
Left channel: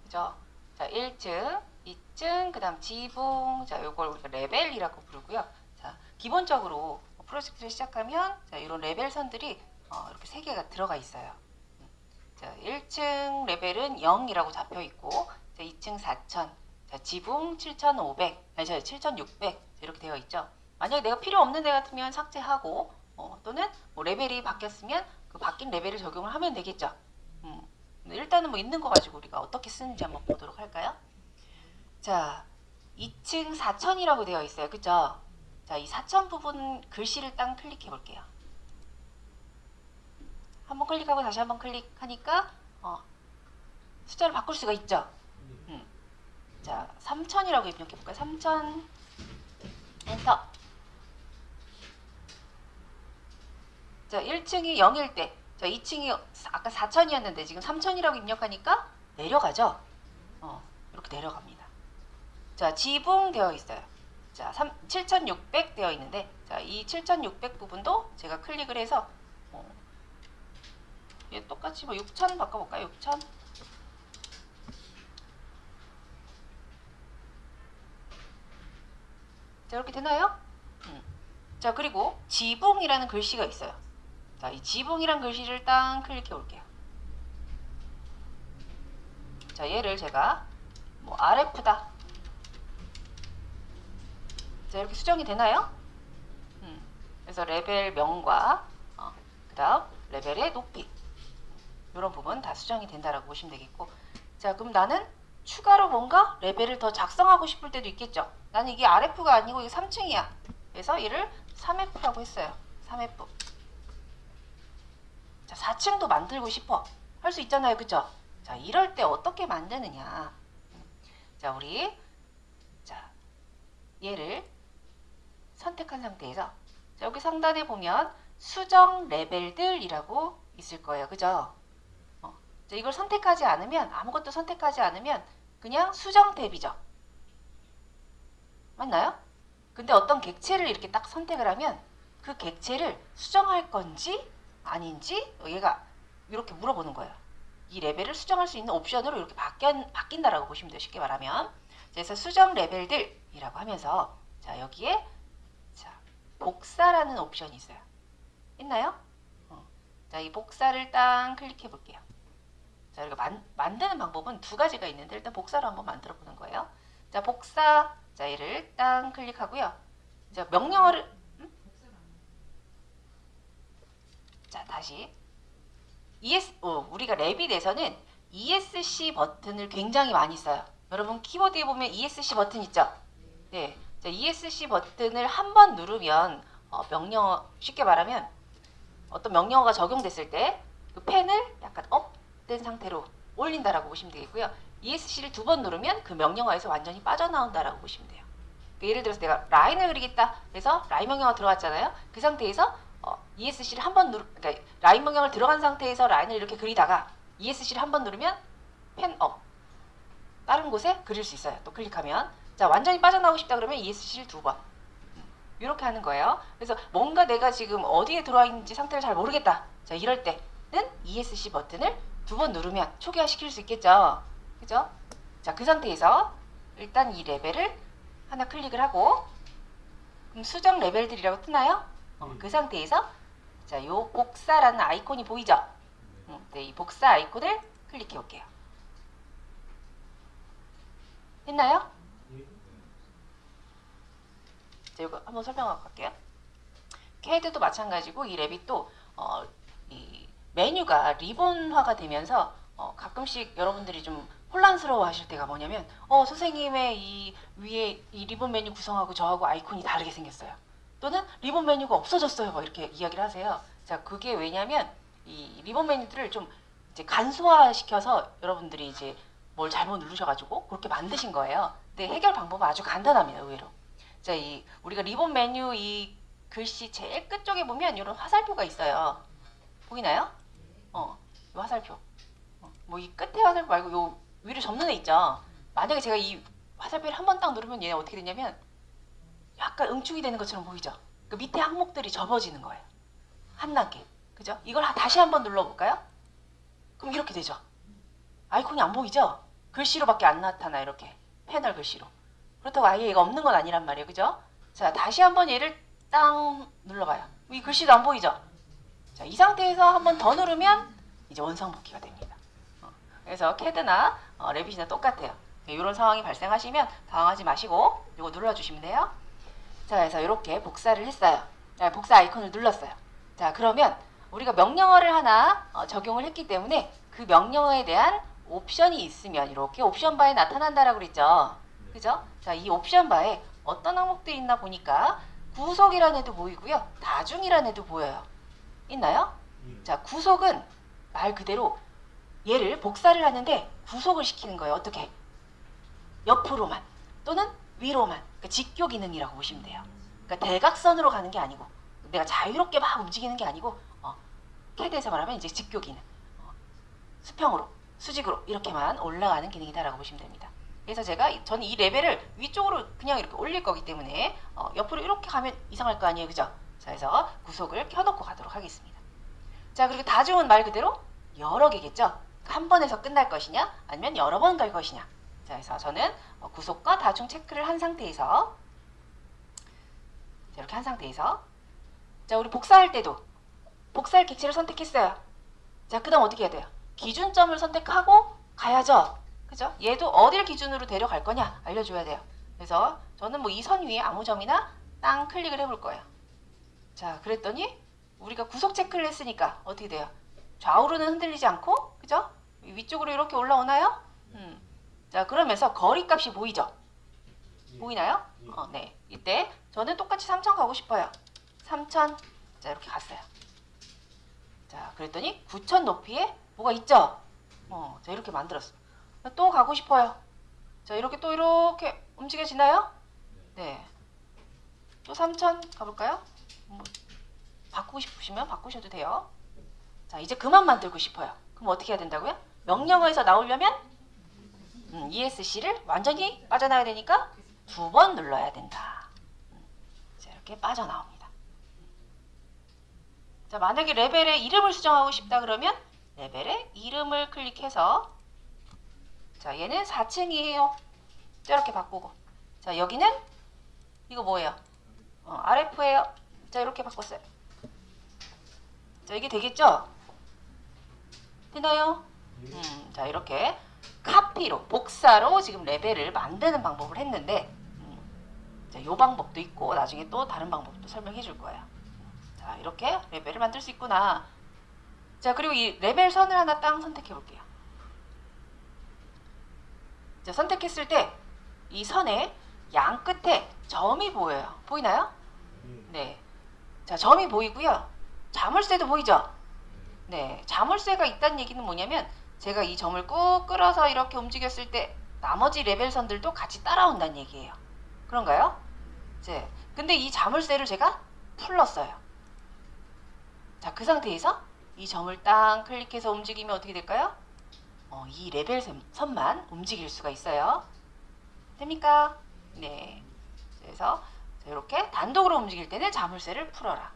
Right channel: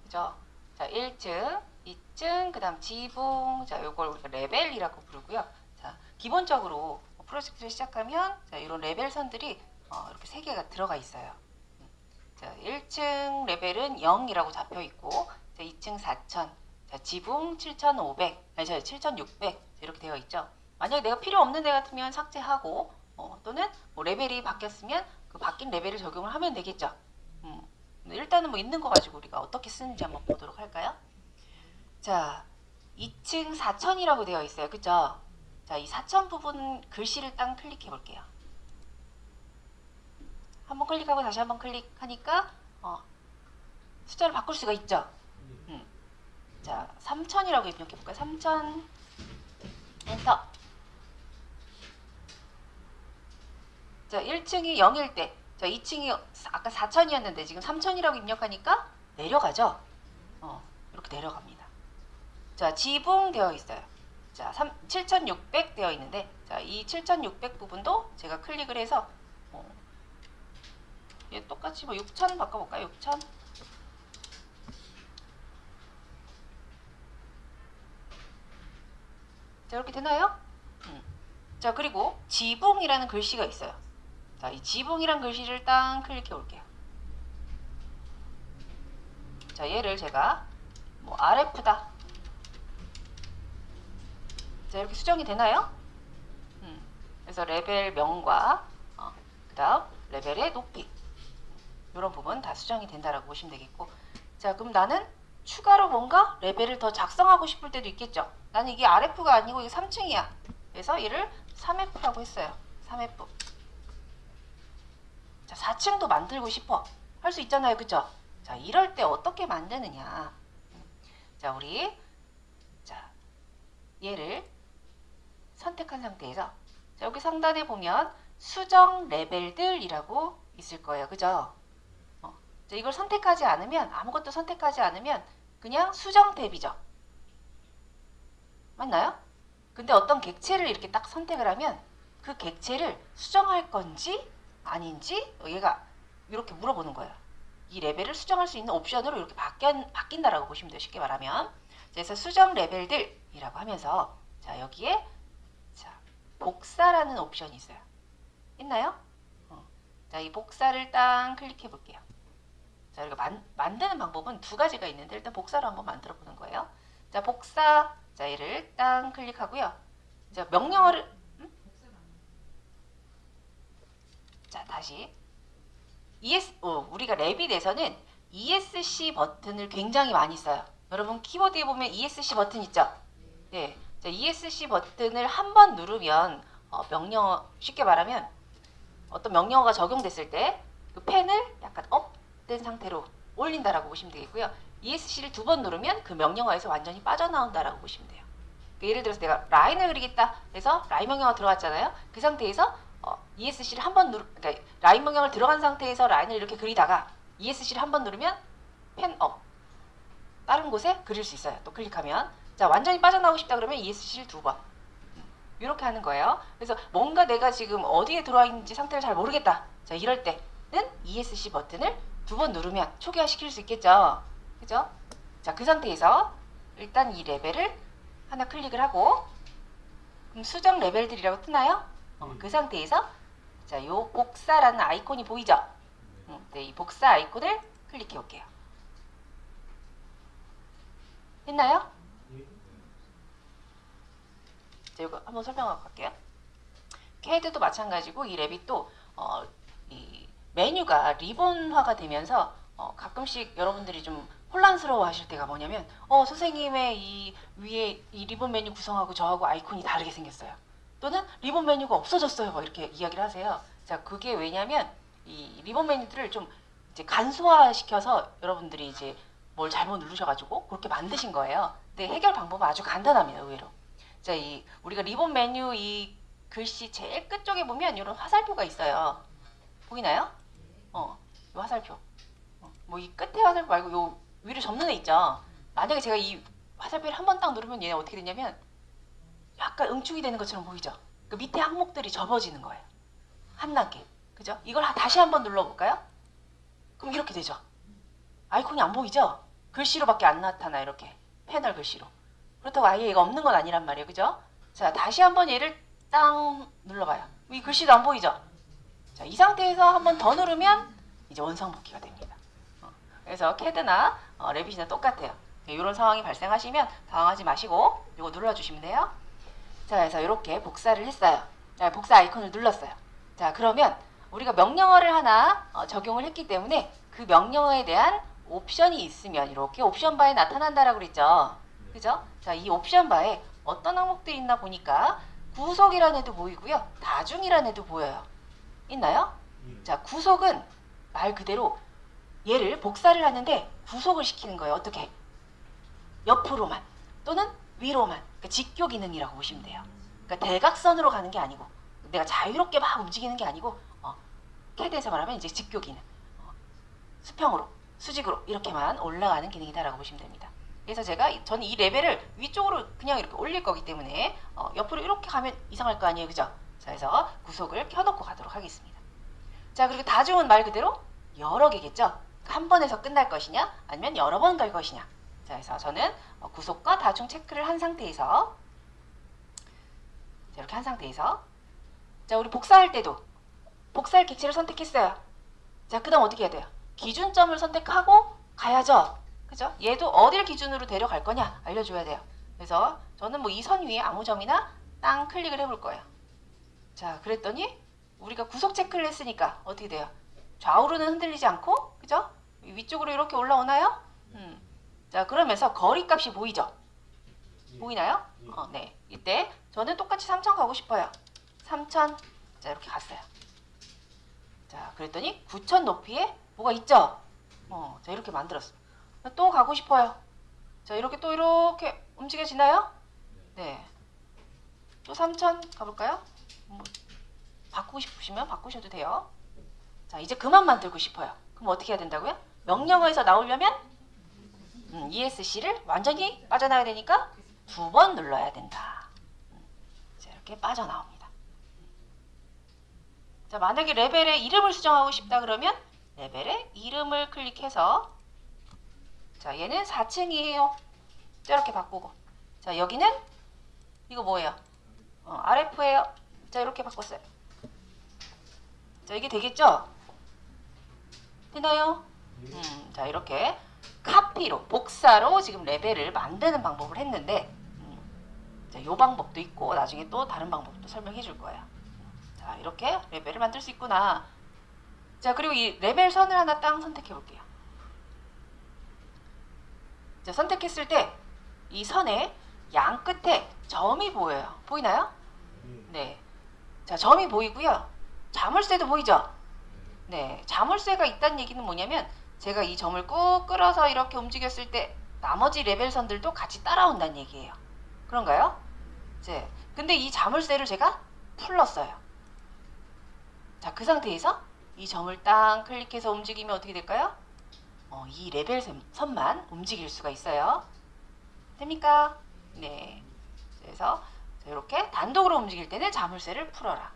그죠? 자, 1층, 2층, 그 다음 지붕, 자, 요걸 우리가 레벨이라고 부르고요. 자, 기본적으로 프로젝트를 시작하면 자, 이런 레벨 선들이 이렇게 3개가 들어가 있어요. 자, 1층 레벨은 0이라고 잡혀 있고, 자, 2층 4000, 자, 지붕 7500, 아니, 7600 이렇게 되어 있죠. 만약에 내가 필요 없는 애 같으면 삭제하고, 또는 뭐 레벨이 바뀌었으면 그 바뀐 레벨을 적용을 하면 되겠죠. 근데 일단은 뭐 있는 거 가지고 우리가 어떻게 쓰는지 한번 보도록 할까요? 자, 2층 4000이라고 되어 있어요. 그죠? 자, 이 4000 부분 글씨를 딱 클릭해 볼게요. 한번 클릭하고 다시 한번 클릭하니까 숫자를 바꿀 수가 있죠. 자, 3000이라고 입력해 볼까요? 3000 엔터. 자, 1층이 0일 때, 자, 2층이 아까 4000이었는데 지금 3000이라고 입력하니까 내려가죠. 이렇게 내려갑니다. 자, 지붕 되어 있어요. 자, 7600 되어 있는데, 자, 이 7600 부분도 제가 클릭을 해서 얘 똑같이 뭐 6000 바꿔볼까요? 6000. 자, 이렇게 되나요? 자, 그리고 지붕이라는 글씨가 있어요. 자, 이 지붕이란 글씨를 딱 클릭해 볼게요. 자, 얘를 제가 뭐 아라프다. 자, 이렇게 수정이 되나요? 그래서 레벨명과 레벨의 높이 이런 부분 다 수정이 된다라고 보시면 되겠고, 자, 그럼 나는 추가로 뭔가 레벨을 더 작성하고 싶을 때도 있겠죠. 나는 이게 RF가 아니고 이게 3층이야. 그래서 얘를 3F라고 했어요. 3F. 자, 4층도 만들고 싶어. 할 수 있잖아요. 그죠? 자, 이럴 때 어떻게 만드느냐. 자, 우리 자, 얘를 선택한 상태에서 자, 여기 상단에 보면 수정 레벨들이라고 있을 거예요. 그죠? 자, 이걸 선택하지 않으면 아무것도 선택하지 않으면 그냥 수정 탭이죠. 맞나요? 근데 어떤 객체를 이렇게 딱 선택을 하면 그 객체를 수정할 건지 아닌지 얘가 이렇게 물어보는 거예요. 이 레벨을 수정할 수 있는 옵션으로 이렇게 바뀐다라고 보시면 돼요. 쉽게 말하면. 그래서 수정 레벨들이라고 하면서 자, 여기에 자, 복사라는 옵션이 있어요. 있나요? 자, 이 복사를 딱 클릭해 볼게요. 자, 이거 만드는 방법은 두 가지가 있는데 일단 복사로 한번 만들어 보는 거예요. 자, 복사. 자, 얘를 딱 클릭하고요. 자, 명령어를 자, 다시 우리가 랩빗에서는 ESC 버튼을 굉장히 많이 써요. 여러분 키보드에 보면 ESC 버튼 있죠? 네. 자, ESC 버튼을 한 번 누르면 명령어, 쉽게 말하면 어떤 명령어가 적용됐을 때 그 펜을 약간 업된 상태로 올린다라고 보시면 되겠고요. ESC를 두 번 누르면 그 명령어에서 완전히 빠져나온다라고 보시면 돼요. 예를 들어서 내가 라인을 그리겠다. 그래서 라인 명령어 들어갔잖아요. 그 상태에서 ESC를 한 번 그러니까 라인 명령을 들어간 상태에서 라인을 이렇게 그리다가 ESC를 한 번 누르면 펜 업. 다른 곳에 그릴 수 있어요. 또 클릭하면. 자, 완전히 빠져나오고 싶다 그러면 ESC를 두 번. 이렇게 하는 거예요. 그래서 뭔가 내가 지금 어디에 들어와 있는지 상태를 잘 모르겠다. 자, 이럴 때는 ESC 버튼을 두 번 누르면 초기화시킬 수 있겠죠. 그죠? 자, 그 상태에서 일단 이 레벨을 하나 클릭을 하고 그럼 수정 레벨들이라고 뜨나요? 그 상태에서 자, 요 복사라는 아이콘이 보이죠? 네, 이 복사 아이콘을 클릭해 볼게요. 됐나요? 자, 이거 한번 설명하고 갈게요. 캐드도 마찬가지고 이 랩빗도 이 메뉴가 리본화가 되면서 가끔씩 여러분들이 좀 혼란스러워 하실 때가 뭐냐면 선생님의 이 위에 이 리본 메뉴 구성하고 저하고 아이콘이 다르게 생겼어요. 또는 리본 메뉴가 없어졌어요. 이렇게 이야기를 하세요. 자, 그게 왜냐면 이 리본 메뉴들을 좀 이제 간소화시켜서 여러분들이 이제 뭘 잘못 누르셔가지고 그렇게 만드신 거예요. 근데 해결 방법은 아주 간단합니다. 의외로. 자, 우리가 리본 메뉴 이 글씨 제일 끝쪽에 보면 이런 화살표가 있어요. 보이나요? 이 화살표. 뭐 이 끝에 화살표 말고 요 위로 전면에 있죠. 만약에 제가 이 화살표를 한 번 딱 누르면 얘가 어떻게 되냐면 약간 응축이 되는 것처럼 보이죠? 그 밑에 항목들이 접어지는 거예요. 한 단계. 그죠? 이걸 다시 한번 눌러볼까요? 그럼 이렇게 되죠. 아이콘이 안 보이죠? 글씨로밖에 안 나타나, 이렇게. 패널 글씨로. 그렇다고 아예 얘가 없는 건 아니란 말이에요. 그죠? 자, 다시 한번 얘를 땅 눌러봐요. 이 글씨도 안 보이죠? 자, 이 상태에서 한번 더 누르면 이제 원상복귀가 됩니다. 그래서 캐드나 랩빗이나 똑같아요. 이런 상황이 발생하시면 당황하지 마시고 이거 눌러주시면 돼요. 자, 그래서 이렇게 복사를 했어요. 자, 복사 아이콘을 눌렀어요. 자, 그러면 우리가 명령어를 하나 적용을 했기 때문에 그 명령어에 대한 옵션이 있으면 이렇게 옵션 바에 나타난다라고 그랬죠. 그죠? 자, 이 옵션 바에 어떤 항목들이 있나 보니까 구속이라는 애도 보이고요. 다중이라는 애도 보여요. 있나요? 자, 구속은 말 그대로 얘를 복사를 하는데 구속을 시키는 거예요. 어떻게? 옆으로만 또는 위로만. 그러니까 직교 기능이라고 보시면 돼요. 그러니까 대각선으로 가는 게 아니고 내가 자유롭게 막 움직이는 게 아니고 캐드에서 말하면 이제 직교 기능. 수평으로, 수직으로 이렇게만 올라가는 기능이다라고 보시면 됩니다. 그래서 저는 이 레벨을 위쪽으로 그냥 이렇게 올릴 거기 때문에 옆으로 이렇게 가면 이상할 거 아니에요. 그죠? 자, 그래서 구속을 켜놓고 가도록 하겠습니다. 자, 그리고 다중은 말 그대로 여러 개겠죠? 한 번에서 끝날 것이냐 아니면 여러 번 갈 것이냐. 자, 그래서 저는 구속과 다중 체크를 한 상태에서 이렇게 한 상태에서 자, 우리 복사할 때도 복사할 객체를 선택했어요. 자, 그 다음 어떻게 해야 돼요? 기준점을 선택하고 가야죠. 그죠? 얘도 어딜 기준으로 데려갈 거냐 알려줘야 돼요. 그래서 저는 뭐 이 선 위에 아무 점이나 땅 클릭을 해볼 거예요. 자, 그랬더니 우리가 구속 체크를 했으니까 어떻게 돼요? 좌우로는 흔들리지 않고, 그죠? 위쪽으로 이렇게 올라오나요? 자, 그러면서 거리값이 보이죠? 보이나요? 네. 이때 저는 똑같이 3,000 가고 싶어요. 3,000. 자, 이렇게 갔어요. 자, 그랬더니 9,000 높이에 이거 있죠? 자, 이렇게 만들었어요. 또 가고 싶어요. 자, 이렇게 또 이렇게 움직여지나요? 네. 또 3,000 가볼까요? 바꾸고 싶으시면 바꾸셔도 돼요. 자, 이제 그만 만들고 싶어요. 그럼 어떻게 해야 된다고요? 명령어에서 나오려면 ESC를 완전히 빠져나가야 되니까 두 번 눌러야 된다. 자, 이렇게 빠져나옵니다. 자, 만약에 레벨의 이름을 수정하고 싶다 그러면 레벨의 이름을 클릭해서 자, 얘는 4층이에요. 이렇게 바꾸고 자, 여기는 이거 뭐예요? RF예요. 자, 이렇게 바꿨어요. 자, 이게 되겠죠? 되나요? 자, 이렇게 카피로, 복사로 지금 레벨을 만드는 방법을 했는데, 자, 요 방법도 있고, 나중에 또 다른 방법도 설명해 줄 거예요. 자, 이렇게 레벨을 만들 수 있구나. 자, 그리고 이 레벨 선을 하나 딱 선택해 볼게요. 자, 선택했을 때, 이 선의 양 끝에 점이 보여요. 보이나요? 네. 자, 점이 보이고요. 자물쇠도 보이죠? 네. 자물쇠가 있다는 얘기는 뭐냐면, 제가 이 점을 꾹 끌어서 이렇게 움직였을 때, 나머지 레벨 선들도 같이 따라온다는 얘기예요. 그런가요? 네. 근데 이 자물쇠를 제가 풀렀어요. 자, 그 상태에서 이 점을 딱 클릭해서 움직이면 어떻게 될까요? 이 레벨 선만 움직일 수가 있어요. 됩니까? 네. 그래서 이렇게 단독으로 움직일 때는 자물쇠를 풀어라.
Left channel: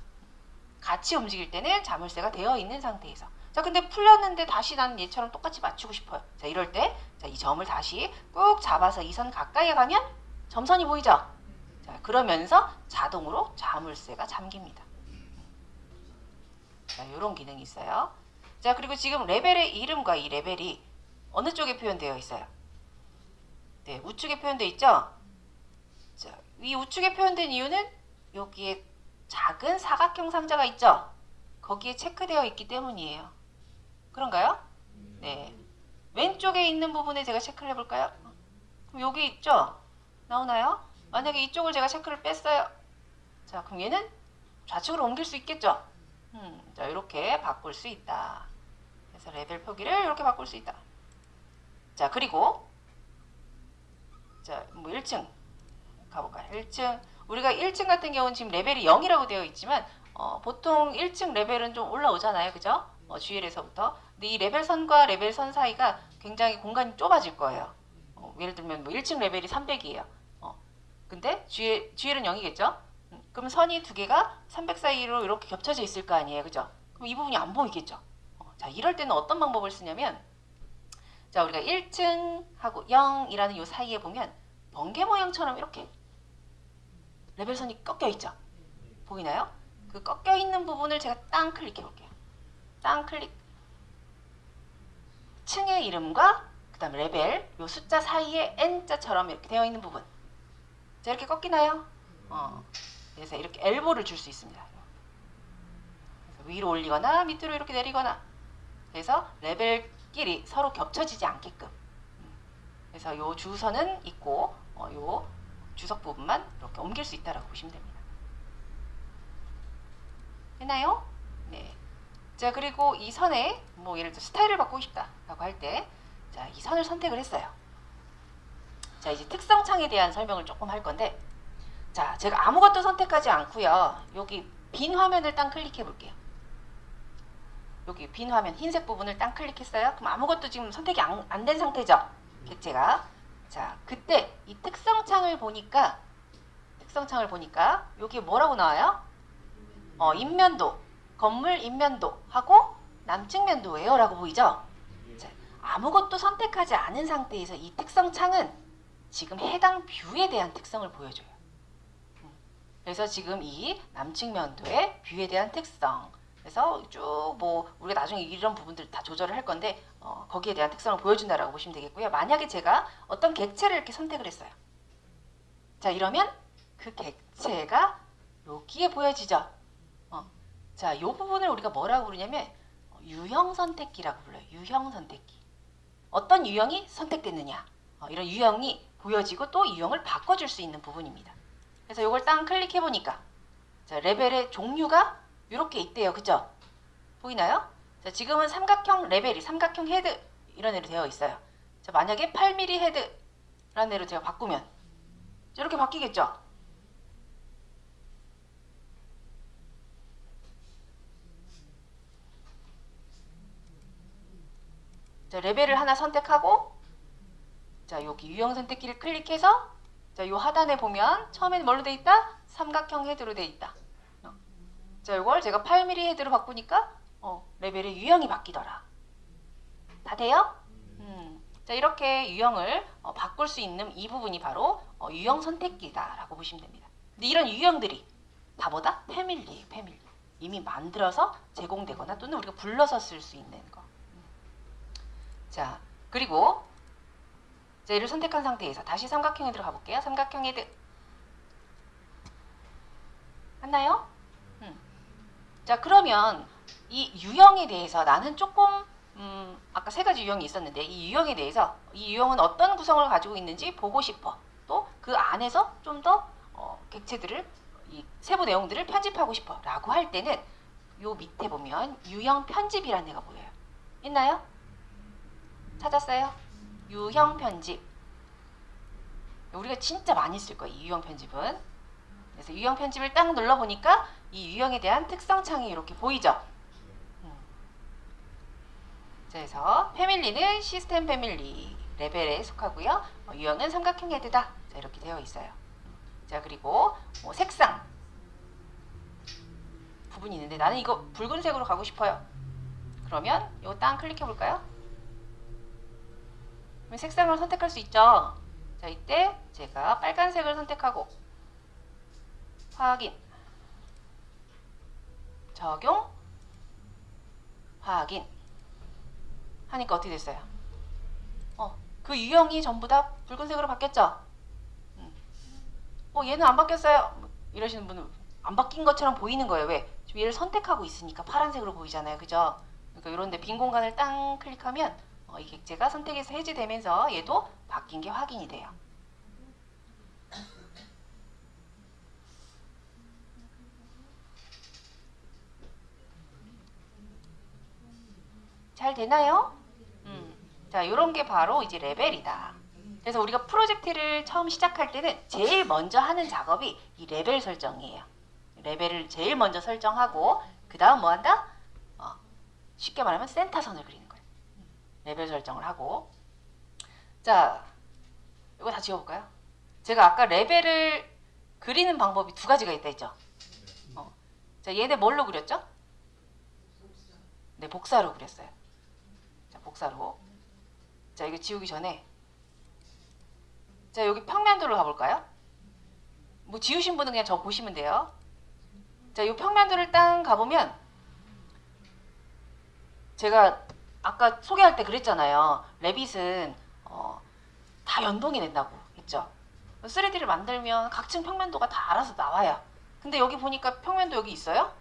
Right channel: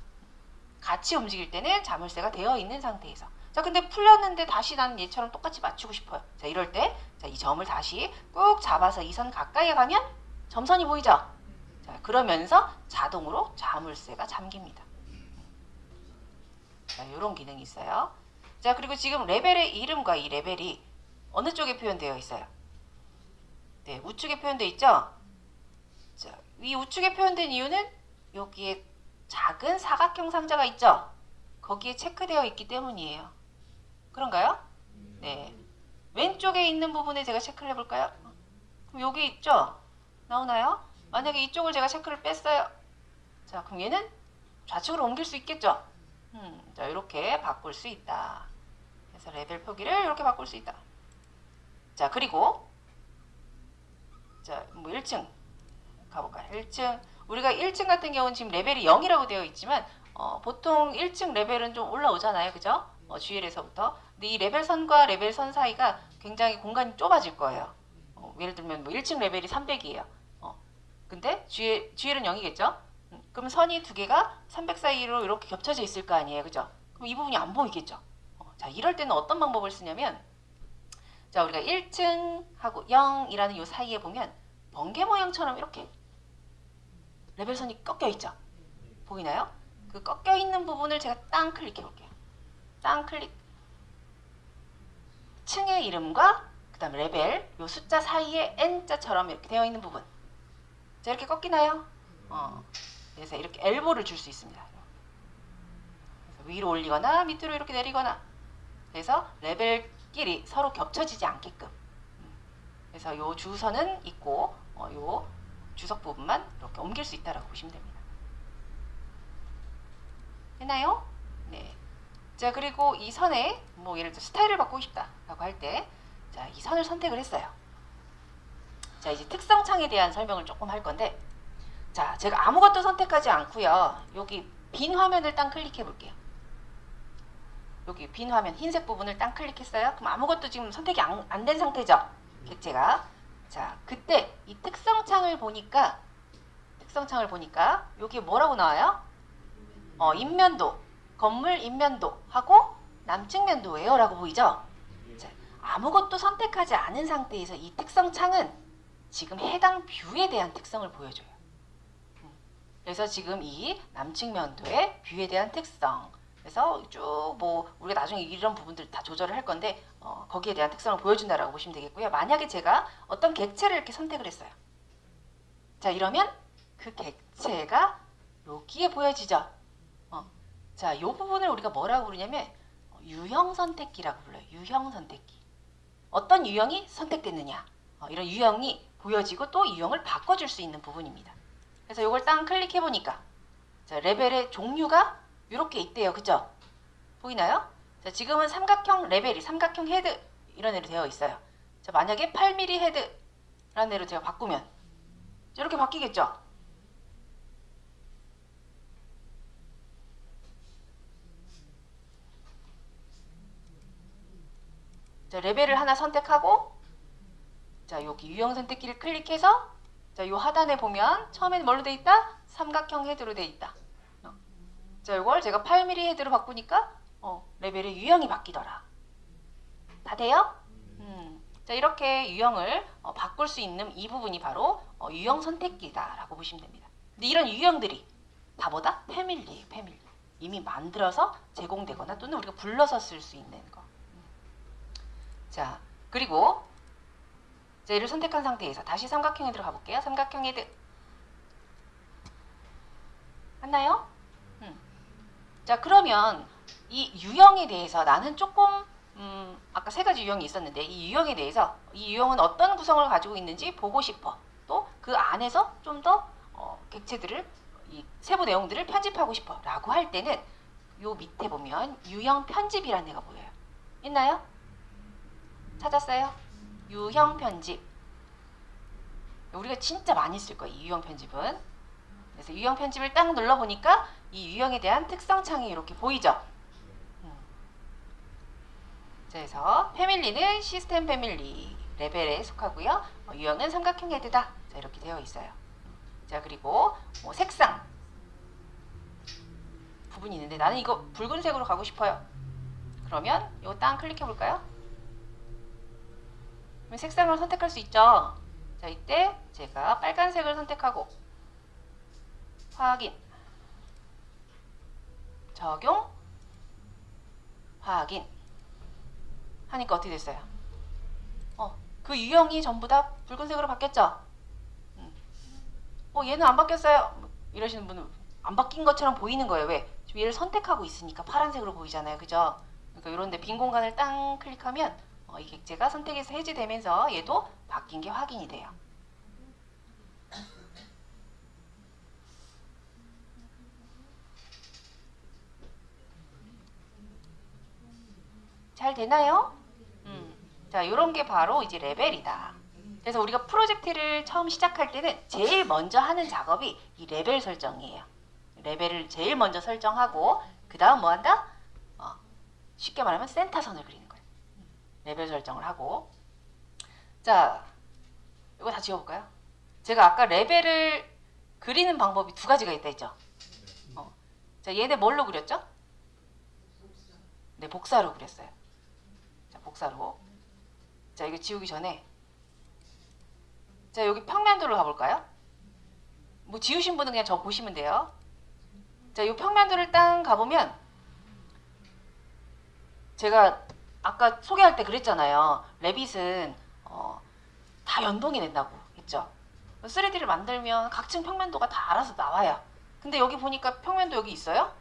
같이 움직일 때는 자물쇠가 되어 있는 상태에서. 자, 근데 풀렸는데 다시 난 얘처럼 똑같이 맞추고 싶어요. 자, 이럴 때, 자, 이 점을 다시 꾹 잡아서 이 선 가까이에 가면 점선이 보이죠? 자, 그러면서 자동으로 자물쇠가 잠깁니다. 자, 이런 기능이 있어요. 자, 그리고 지금 레벨의 이름과 이 레벨이 어느 쪽에 표현되어 있어요? 네, 우측에 표현되어 있죠? 자, 이 우측에 표현된 이유는 여기에 작은 사각형 상자가 있죠? 거기에 체크되어 있기 때문이에요. 그런가요? 네. 왼쪽에 있는 부분에 제가 체크를 해볼까요? 여기 있죠? 나오나요? 만약에 이쪽을 제가 체크를 뺐어요. 자, 그럼 얘는 좌측으로 옮길 수 있겠죠? 자, 이렇게 바꿀 수 있다. 그래서 레벨 표기를 이렇게 바꿀 수 있다. 자, 그리고 자, 뭐 1층 가볼까요? 1층. 우리가 1층 같은 경우는 지금 레벨이 0이라고 되어 있지만 보통 1층 레벨은 좀 올라오잖아요. 그죠? GL에서부터. 근데 이 레벨 선과 레벨 선 사이가 굉장히 공간이 좁아질 거예요. 예를 들면 뭐 1층 레벨이 300이에요. 근데 GL은 0이겠죠? 그럼 선이 두 개가 300 사이로 이렇게 겹쳐져 있을 거 아니에요. 그죠? 그럼 이 부분이 안 보이겠죠? 자, 이럴 때는 어떤 방법을 쓰냐면, 자, 우리가 1층하고 0이라는 이 사이에 보면 번개 모양처럼 이렇게 레벨선이 꺾여 있죠? 보이나요? 그 꺾여 있는 부분을 제가 땅 클릭해 볼게요. 땅 클릭. 층의 이름과 그 다음에 레벨, 이 숫자 사이에 N자처럼 이렇게 되어 있는 부분. 자, 이렇게 꺾이나요? 그래서 이렇게 엘보를 줄 수 있습니다. 위로 올리거나 밑으로 이렇게 내리거나. 그래서 레벨끼리 서로 겹쳐지지 않게끔. 그래서 요 주선은 있고 요 주석 부분만 이렇게 옮길 수 있다고 보시면 됩니다. 됐나요? 네. 자, 그리고 이 선에 뭐 예를 들어 스타일을 바꾸고 싶다라고 할 때, 자, 이 선을 선택을 했어요. 자, 이제 특성창에 대한 설명을 조금 할 건데, 자, 제가 아무것도 선택하지 않고요. 여기 빈 화면을 딱 클릭해 볼게요. 여기 빈 화면 흰색 부분을 딱 클릭했어요. 그럼 아무것도 지금 선택이 안 된 상태죠? 제가 자, 그때 이 특성창을 보니까 여기 뭐라고 나와요? 인면도, 건물 인면도 하고 남측면도예요 라고 보이죠? 자, 아무것도 선택하지 않은 상태에서 이 특성창은 지금 해당 뷰에 대한 특성을 보여줘요. 그래서 지금 이 남측면도의 뷰에 대한 특성, 그래서 쭉 뭐 우리가 나중에 이런 부분들 다 조절을 할 건데 거기에 대한 특성을 보여준다라고 보시면 되겠고요. 만약에 제가 어떤 객체를 이렇게 선택을 했어요. 자, 이러면 그 객체가 여기에 보여지죠. 자, 이 부분을 우리가 뭐라고 부르냐면 유형 선택기라고 불러요. 유형 선택기. 어떤 유형이 선택됐느냐. 이런 유형이 보여지고 또 유형을 바꿔줄 수 있는 부분입니다. 그래서 이걸 딱 클릭해 보니까 자, 레벨의 종류가 이렇게 있대요. 그죠? 보이나요? 자, 지금은 삼각형 레벨이 삼각형 헤드 이런 애로 되어 있어요. 자, 만약에 8mm 헤드 라는 애로 제가 바꾸면 이렇게 바뀌겠죠? 자, 레벨을 하나 선택하고 자, 여기 유형 선택기를 클릭해서 자, 요 하단에 보면 처음엔 뭘로 돼 있다? 삼각형 헤드로 돼 있다. 자, 이걸 제가 8mm 헤드로 바꾸니까 레벨의 유형이 바뀌더라. 다 돼요? 자, 이렇게 유형을 바꿀 수 있는 이 부분이 바로 유형 선택기다라고 보시면 됩니다. 근데 이런 유형들이 다 뭐다? 패밀리예요, 패밀리. 이미 만들어서 제공되거나 또는 우리가 불러서 쓸 수 있는 거. 자, 그리고 자, 얘를 선택한 상태에서 다시 삼각형 헤드로 가볼게요. 삼각형 헤드. 맞나요? 자, 그러면 이 유형에 대해서 나는 조금 아까 세 가지 유형이 있었는데 이 유형에 대해서 이 유형은 어떤 구성을 가지고 있는지 보고 싶어. 또 그 안에서 좀 더 객체들을 이 세부 내용들을 편집하고 싶어 라고 할 때는 요 밑에 보면 유형 편집이라는 애가 보여요. 있나요? 찾았어요? 유형 편집. 우리가 진짜 많이 쓸 거예요, 이 유형 편집은. 그래서 유형 편집을 딱 눌러보니까 이 유형에 대한 특성 창이 이렇게 보이죠? 그래서 패밀리는 시스템 패밀리 레벨에 속하고요. 유형은 삼각형 헤드다. 자, 이렇게 되어 있어요. 자, 그리고 색상 부분이 있는데 나는 이거 붉은색으로 가고 싶어요. 그러면 이거 딱 클릭해 볼까요? 색상을 선택할 수 있죠. 자, 이때 제가 빨간색을 선택하고 확인, 적용, 확인 하니까 어떻게 됐어요? 그 유형이 전부 다 붉은색으로 바뀌었죠? 얘는 안 바뀌었어요. 이러시는 분은 안 바뀐 것처럼 보이는 거예요. 왜? 지금 얘를 선택하고 있으니까 파란색으로 보이잖아요. 그죠? 그러니까 이런데 빈 공간을 딱 클릭하면 이 객체가 선택에서 해제되면서 얘도 바뀐 게 확인이 돼요. 잘 되나요? 자, 이런 게 바로 이제 레벨이다. 그래서 우리가 프로젝트를 처음 시작할 때는 제일 먼저 하는 작업이 이 레벨 설정이에요. 레벨을 제일 먼저 설정하고 그 다음 뭐 한다? 쉽게 말하면 센터선을 그리는 거예요. 레벨 설정을 하고. 자, 이거 다 지워볼까요? 제가 아까 레벨을 그리는 방법이 두 가지가 있다 했죠. 자, 얘네 뭘로 그렸죠? 네, 복사로 그렸어요. 자, 복사로. 자, 여기 지우기 전에 자, 여기 평면도로 가볼까요? 뭐 지우신 분은 그냥 저 보시면 돼요. 자, 이 평면도를 딱 가보면 제가 아까 소개할 때 그랬잖아요. 레빗은 다 연동이 된다고 했죠. 3D를 만들면 각층 평면도가 다 알아서 나와요. 근데 여기 보니까 평면도 여기 있어요?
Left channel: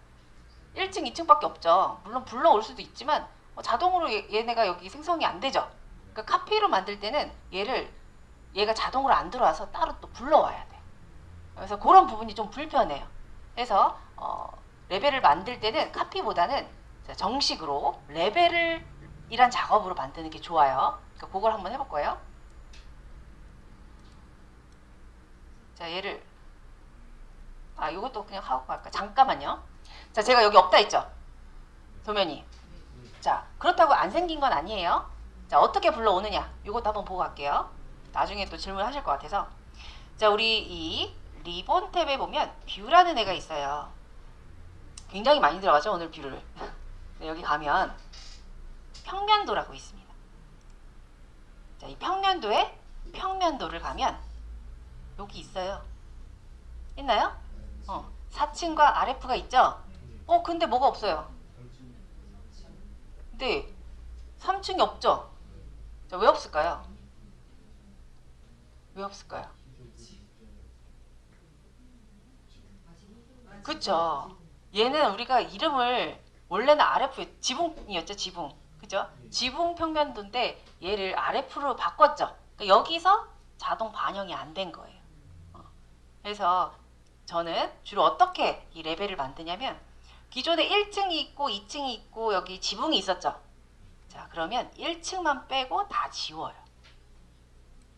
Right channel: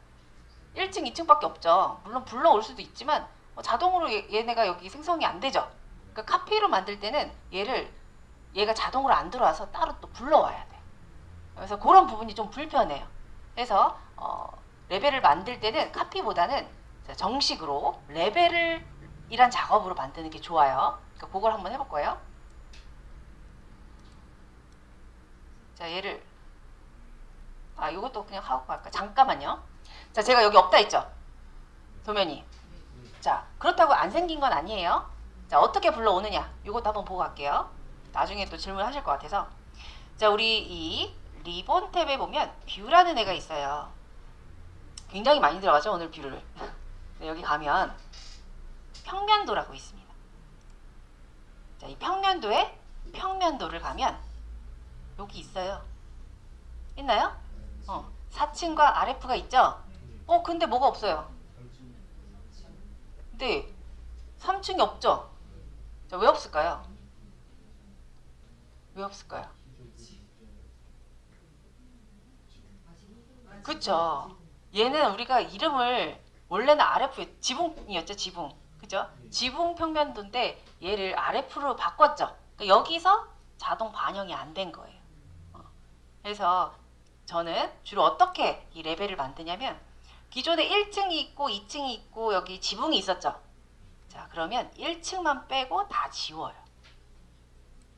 1층, 2층밖에 없죠. 물론 불러올 수도 있지만 자동으로 얘네가 여기 생성이 안 되죠. 그러니까 카피로 만들 때는 얘가 자동으로 안 들어와서 따로 또 불러와야 돼. 그래서 그런 부분이 좀 불편해요. 그래서 레벨을 만들 때는 카피보다는 정식으로 레벨이란 작업으로 만드는 게 좋아요. 그러니까 그걸 한번 해볼 거예요. 자, 얘를 이것도 그냥 하고 갈까? 잠깐만요. 자, 제가 여기 없다 했죠? 도면이. 자, 그렇다고 안 생긴 건 아니에요. 자, 어떻게 불러오느냐? 이것도 한번 보고 갈게요. 나중에 또 질문하실 것 같아서. 자, 우리 이 리본 탭에 보면 뷰라는 애가 있어요. 굉장히 많이 들어가죠, 오늘 뷰를. 여기 가면 평면도라고 있습니다. 자, 이 평면도에 평면도를 가면 여기 있어요. 있나요? 4층과 RF가 있죠? 근데 뭐가 없어요? 네, 3층이 없죠? 자, 왜 없을까요? 왜 없을까요? 그쵸? 얘는 우리가 이름을 원래는 RF, 지붕이었죠, 지붕. 그죠? 지붕 평면도인데 얘를 RF로 바꿨죠. 그러니까 여기서 자동 반영이 안 된 거예요. 그래서 저는 주로 어떻게 이 레벨을 만드냐면 기존에 1층이 있고 2층이 있고 여기 지붕이 있었죠. 자, 그러면 1층만 빼고 다 지워요.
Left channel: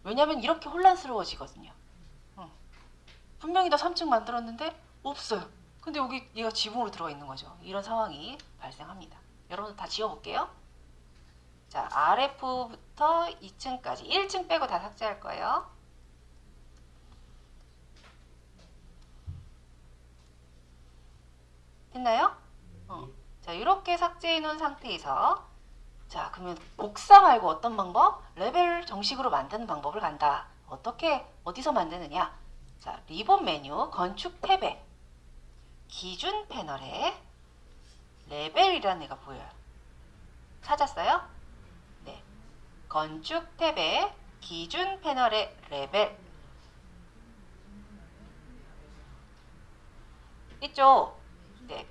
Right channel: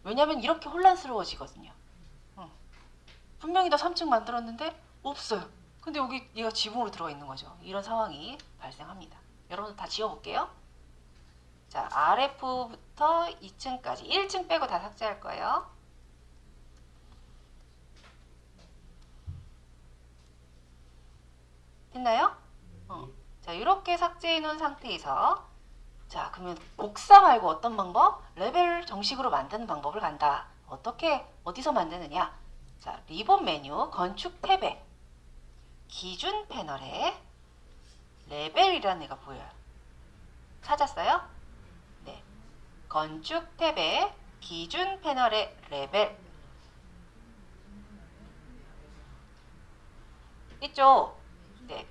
왜냐면 이렇게 혼란스러워지거든요. 분명히 다 3층 만들었는데 없어요. 근데 여기 얘가 지붕으로 들어가 있는 거죠. 이런 상황이 발생합니다. 여러분 다 지워볼게요. 자, RF부터 2층까지 1층 빼고 다 삭제할 거예요. 됐나요? 자, 이렇게 삭제해 놓은 상태에서 자, 그러면 복사 말고 어떤 방법? 레벨 정식으로 만드는 방법을 간다. 어떻게, 어디서 만드느냐? 자, 리본 메뉴, 건축 탭에 기준 패널에 레벨이라는 애가 보여요. 찾았어요? 네. 건축 탭에 기준 패널의 레벨. 있죠? 네.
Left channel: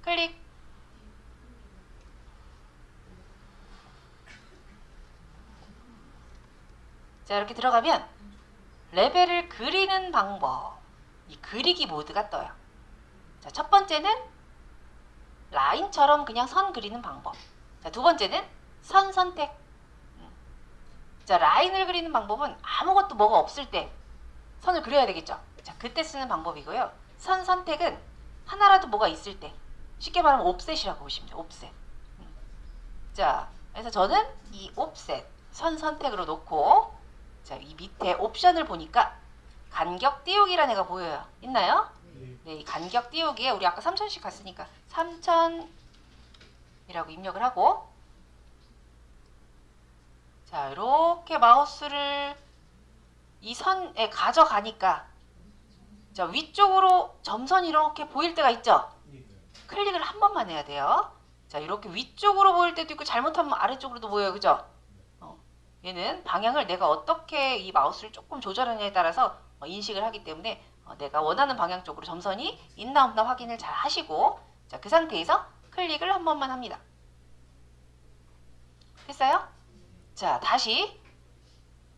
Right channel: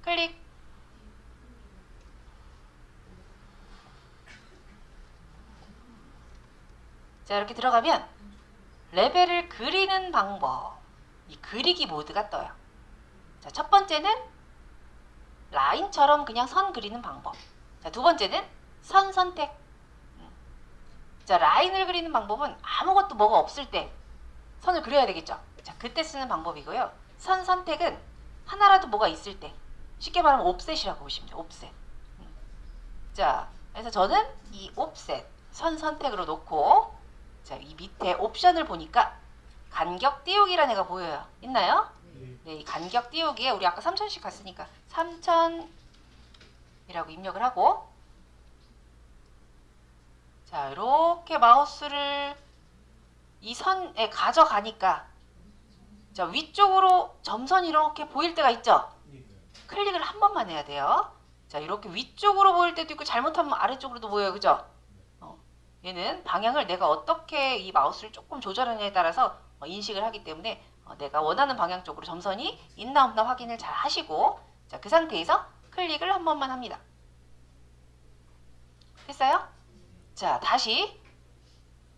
클릭. 자, 이렇게 들어가면 레벨을 그리는 방법. 이 그리기 모드가 떠요. 자, 첫 번째는 라인처럼 그냥 선 그리는 방법. 자, 두 번째는 선 선택. 자, 라인을 그리는 방법은 아무것도 뭐가 없을 때 선을 그려야 되겠죠. 자, 그때 쓰는 방법이고요. 선 선택은 하나라도 뭐가 있을 때, 쉽게 말하면 옵셋이라고 보시면 돼요. 옵셋. 자, 그래서 저는 이 옵셋 선 선택으로 놓고, 자, 이 밑에 옵션을 보니까 간격 띄우기라는 애가 보여요. 있나요? 네, 이 간격 띄우기에 우리 아까 3000씩 갔으니까 3000이라고 입력을 하고, 자, 이렇게 마우스를 이 선에 가져가니까, 자, 위쪽으로 점선이 이렇게 보일 때가 있죠? 클릭을 한 번만 해야 돼요. 자, 이렇게 위쪽으로 보일 때도 있고 잘못하면 아래쪽으로도 보여요. 그죠? 얘는 방향을 내가 어떻게 이 마우스를 조금 조절하느냐에 따라서 인식을 하기 때문에 내가 원하는 방향 쪽으로 점선이 있나 없나 확인을 잘 하시고, 자, 그 상태에서 클릭을 한 번만 합니다. 됐어요? 자, 다시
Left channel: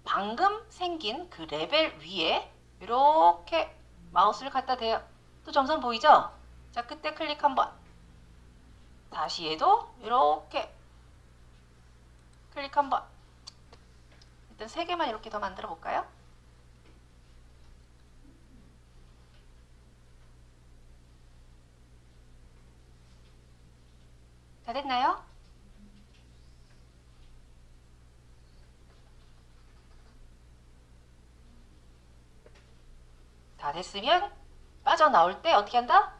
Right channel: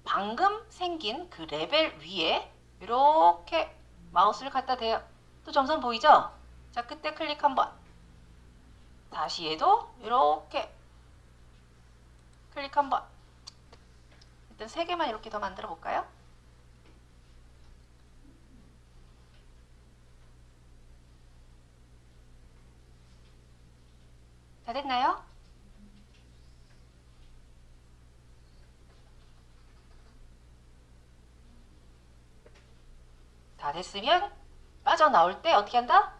방금 생긴 그 레벨 위에 이렇게 마우스를 갖다 대요. 또 점선 보이죠? 자, 그때 클릭 한번. 다시 얘도 이렇게 클릭 한번. 일단 3개만 이렇게 더 만들어 볼까요? 다 됐나요? 다 됐으면 빠져나올 때 어떻게 한다?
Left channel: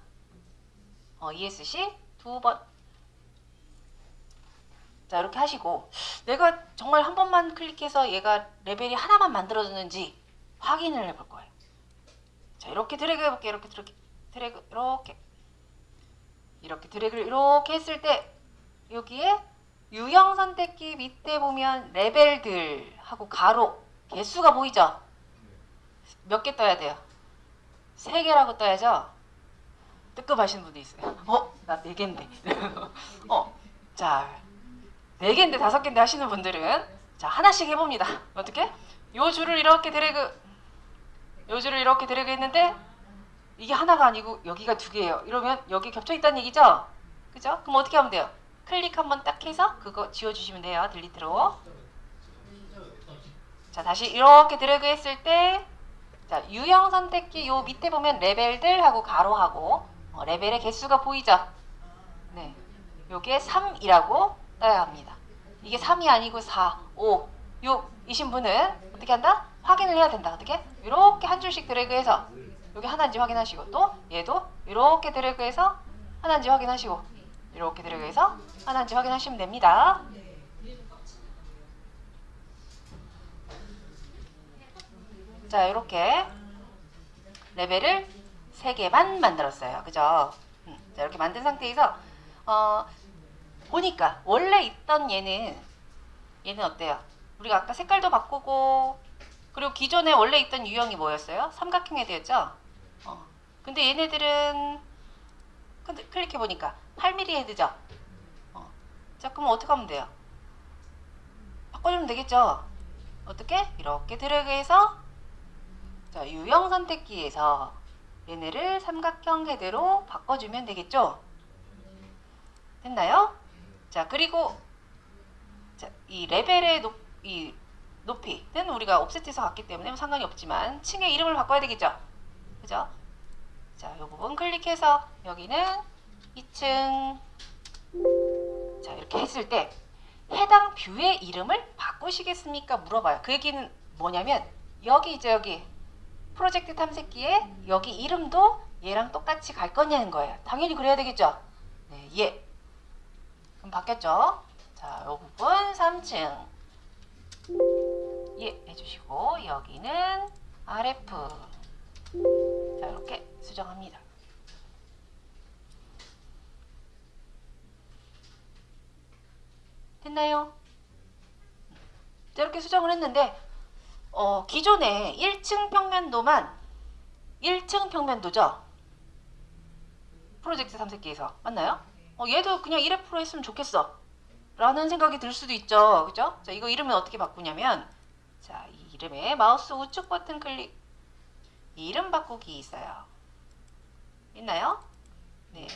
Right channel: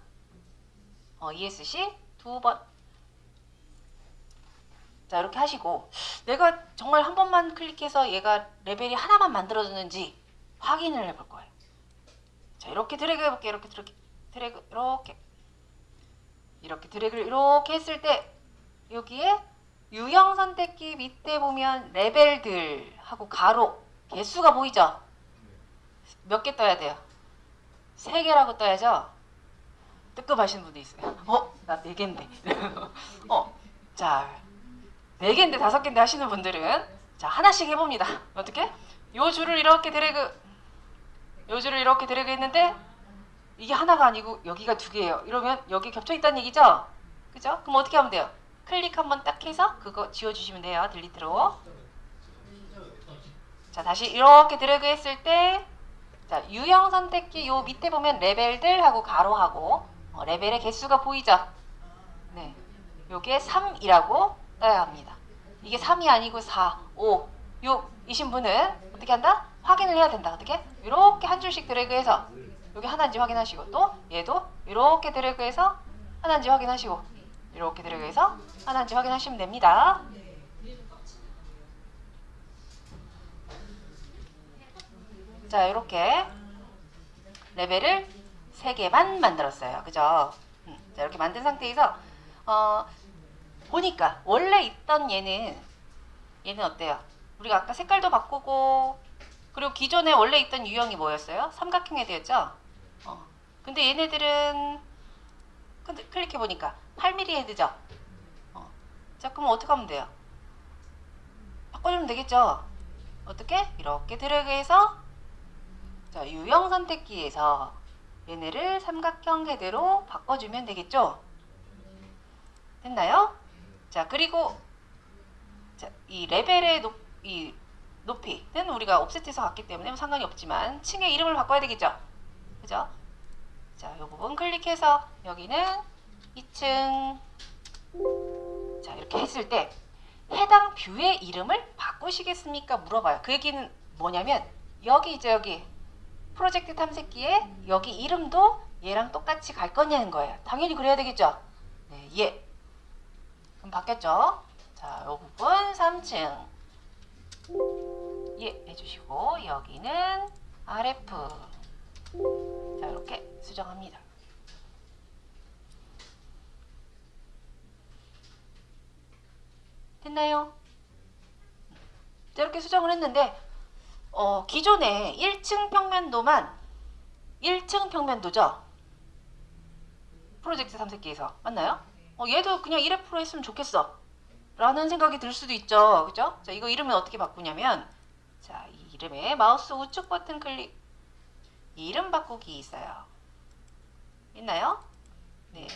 ESC 2번. 자, 이렇게 하시고, 내가 정말 한 번만 클릭해서 얘가 레벨이 하나만 만들어졌는지 확인을 해볼 거예요. 자, 이렇게 드래그 해볼게요. 이렇게 드래그, 이렇게 드래그를 이렇게 했을 때, 여기에 유형 선택기 밑에 보면 레벨들 하고 가로 개수가 보이죠? 몇 개 떠야 돼요? 3개라고 떠야죠? 뜨끔하시는 분도 있어요. 나 4개인데. 자, 4개인데 5개인데 하시는 분들은, 자, 하나씩 해봅니다. 어떻게? 요 줄을 이렇게 드래그 했는데, 이게 하나가 아니고 여기가 2개예요. 이러면 여기 겹쳐있다는 얘기죠? 그죠? 그럼 어떻게 하면 돼요? 클릭 한번 딱 해서 그거 지워주시면 돼요. 딜리트로. 자, 다시 이렇게 드래그 했을 때, 자, 유형 선택기 요 밑에 보면 레벨들 하고 가로하고 레벨의 개수가 보이죠? 네. 요게 3이라고 떠야 합니다. 이게 3이 아니고 4, 5, 6이신 분은 어떻게 한다? 확인을 해야 된다. 어떻게? 이렇게 한 줄씩 드래그해서 여기 하나인지 확인하시고, 또 얘도 이렇게 드래그해서 하나인지 확인하시고, 이렇게 드래그해서 하나인지 확인하시면 됩니다. 자, 이렇게 레벨을 3개만 만들었어요. 그죠? 자, 이렇게 만든 상태에서 보니까 원래 있던 얘는 어때요? 우리가 아까 색깔도 바꾸고, 그리고 기존에 원래 있던 유형이 뭐였어요? 삼각형에 되었죠? 근데 얘네들은 클릭해보니까 8mm 헤드죠? 자, 그럼 어떻게 하면 돼요? 바꿔주면 되겠죠? 어떻게? 이렇게 드래그해서, 자, 유형 선택기에서 얘네를 삼각형 헤드로 바꿔주면 되겠죠? 됐나요? 자, 그리고 자, 이 레벨의 높이는 우리가 옵셋해서 갔기 때문에 상관이 없지만 층의 이름을 바꿔야 되겠죠? 그죠? 자, 이 부분 클릭해서 여기는 2층. 자, 이렇게 했을 때 해당 뷰의 이름을 바꾸시겠습니까? 물어봐요. 그 얘기는 뭐냐면 여기 있죠, 여기 프로젝트 탐색기에 여기 이름도 얘랑 똑같이 갈 거냐는 거예요. 당연히 그래야 되겠죠? 네, 예. 그럼 바뀌었죠? 자, 이 부분 3층 예 해주시고, 여기는 RF. 자, 이렇게 수정합니다. 됐나요? 이렇게 수정을 했는데 기존에 1층 평면도만 1층 평면도죠? 프로젝트 탐색기에서 맞나요? 얘도 그냥 1F로 했으면 좋겠어 라는 생각이 들 수도 있죠. 그죠? 자, 이거 이름을 어떻게 바꾸냐면 자, 이 이름에 마우스 우측 버튼 클릭 이름 바꾸기 있어요. 있나요? 네.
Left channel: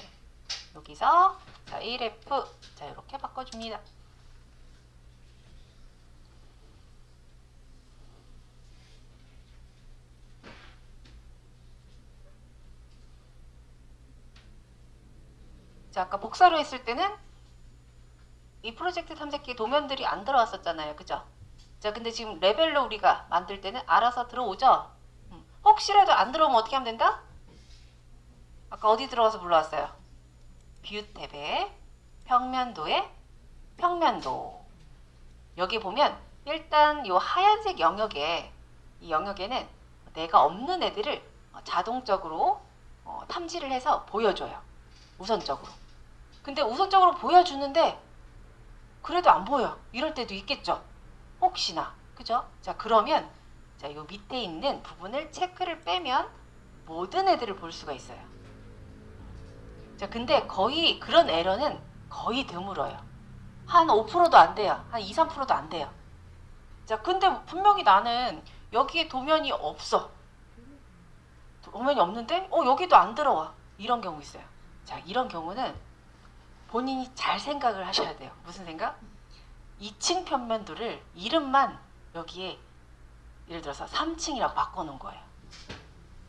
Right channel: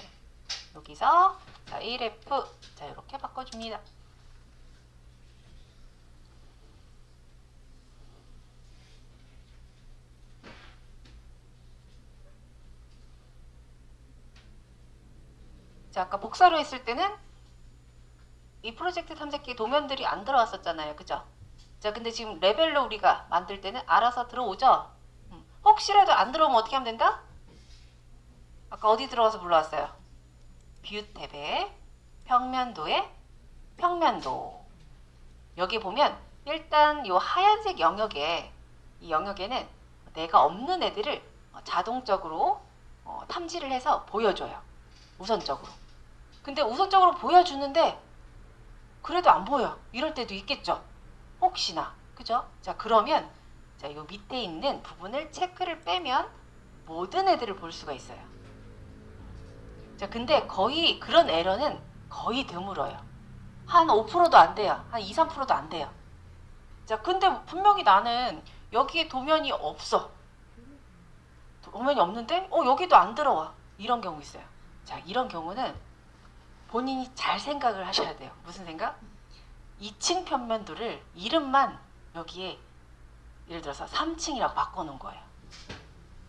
여기서 자, 1F 자, 이렇게 바꿔줍니다. 자, 아까 복사를 했을 때는 이 프로젝트 탐색기 도면들이 안 들어왔었잖아요. 그죠? 자, 근데 지금 레벨로 우리가 만들 때는 알아서 들어오죠? 혹시라도 안 들어오면 어떻게 하면 된다? 아까 어디 들어와서 불러왔어요? 뷰 탭에 평면도에 평면도. 여기 보면 일단 이 하얀색 영역에 이 영역에는 내가 없는 애들을 자동적으로 탐지를 해서 보여줘요. 우선적으로. 근데 우선적으로 보여주는데 그래도 안 보여. 이럴 때도 있겠죠. 혹시나. 그죠? 자, 그러면 자, 요 밑에 있는 부분을 체크를 빼면 모든 애들을 볼 수가 있어요. 자, 근데 거의 그런 에러는 거의 드물어요. 한 5%도 안 돼요. 한 2, 3%도 안 돼요. 자, 근데 분명히 나는 여기에 도면이 없어. 도면이 없는데 여기도 안 들어와. 이런 경우 있어요. 자, 이런 경우는 본인이 잘 생각을 하셔야 돼요. 무슨 생각? 2층 평면도를 이름만 여기에 예를 들어서 3층이라고 바꿔놓은 거예요.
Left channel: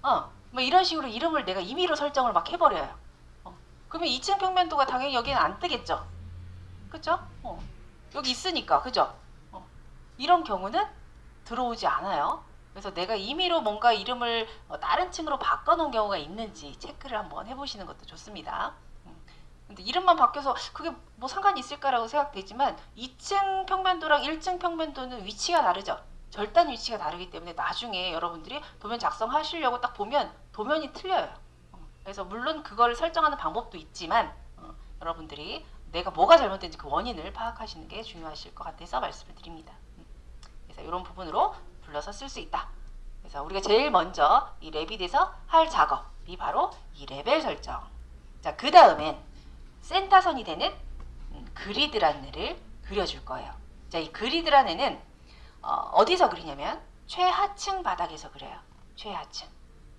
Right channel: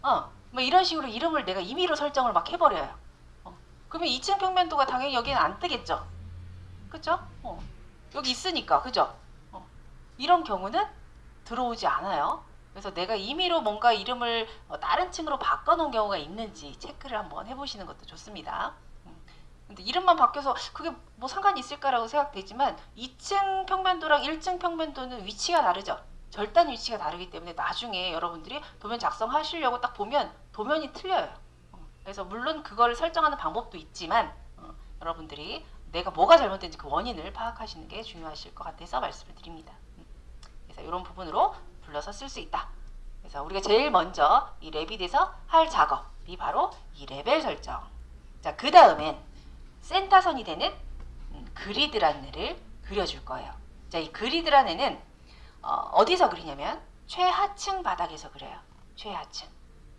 뭐 이런 식으로 이름을 내가 임의로 설정을 막 해버려요. 그러면 2층 평면도가 당연히 여기는 안 뜨겠죠. 그죠? 여기 있으니까, 그죠? 이런 경우는 들어오지 않아요. 그래서 내가 임의로 뭔가 이름을 다른 층으로 바꿔놓은 경우가 있는지 체크를 한번 해보시는 것도 좋습니다. 근데 이름만 바뀌어서 그게 뭐 상관이 있을까라고 생각되지만 2층 평면도랑 1층 평면도는 위치가 다르죠. 절단 위치가 다르기 때문에 나중에 여러분들이 도면 작성하시려고 딱 보면 도면이 틀려요. 그래서 물론 그걸 설정하는 방법도 있지만 여러분들이 내가 뭐가 잘못된지 그 원인을 파악하시는 게 중요하실 것 같아서 말씀을 드립니다. 그래서 이런 부분으로 불러서 쓸 수 있다. 그래서 우리가 제일 먼저 이 레빗에서 할 작업이 바로 이 레벨 설정. 자, 그 다음은 센터선이 되는 그리드라는 애를 그려줄 거예요. 자, 이 그리드라는 애는 어디서 그리냐면 최하층 바닥에서 그려요. 최하층.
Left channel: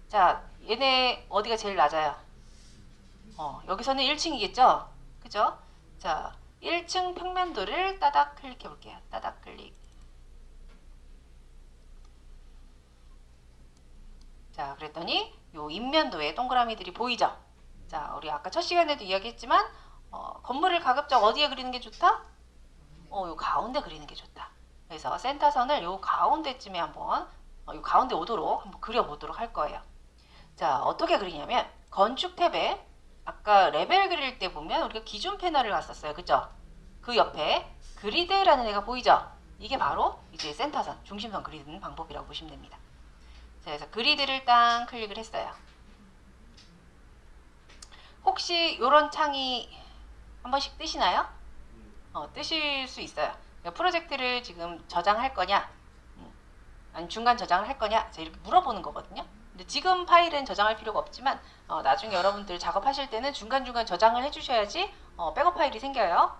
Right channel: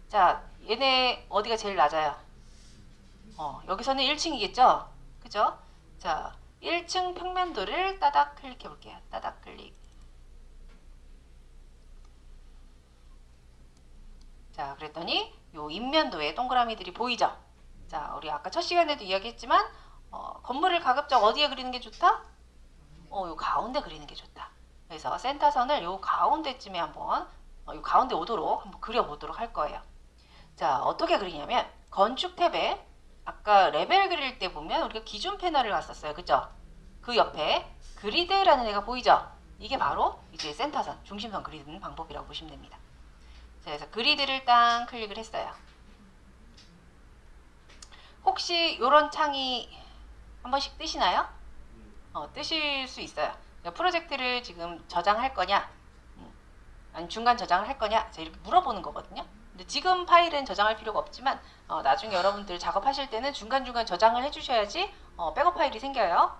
자, 얘네 어디가 제일 낮아요? 여기서는 1층이겠죠? 그죠? 자, 1층 평면도를 따닥 클릭해 볼게요. 따닥 클릭. 자, 그랬더니 요 인면도에 동그라미들이 보이죠? 자, 우리 아까 첫 시간에도 이야기했지만 건물을 가급적 어디에 그리는 게 좋다? 요 가운데 그리는 게 좋다. 그래서 센터선을 요 가운데쯤에 한번 요 가운데 오도록 한번 그려보도록 할 거예요. 자, 어떻게 그리냐면 건축 탭에 아까 레벨 그릴 때 보면 우리가 기존 패널을 왔었어요. 그죠? 그 옆에 그리드라는 애가 보이죠? 이게 바로 이제 센터선, 중심선 그리는 방법이라고 보시면 됩니다. 자, 그래서 그리드를 딱 클릭을 했어요. 혹시 이런 창이 한 번씩 뜨시나요? 뜨실 수 있어요. 프로젝트를 지금 저장할 거냐, 중간 저장을 할 거냐, 이렇게 물어보는 거거든요. 근데 지금 파일은 저장할 필요가 없지만 나중에 여러분들 작업하실 때는 중간중간 저장을 해주셔야지 백업 파일이 생겨요.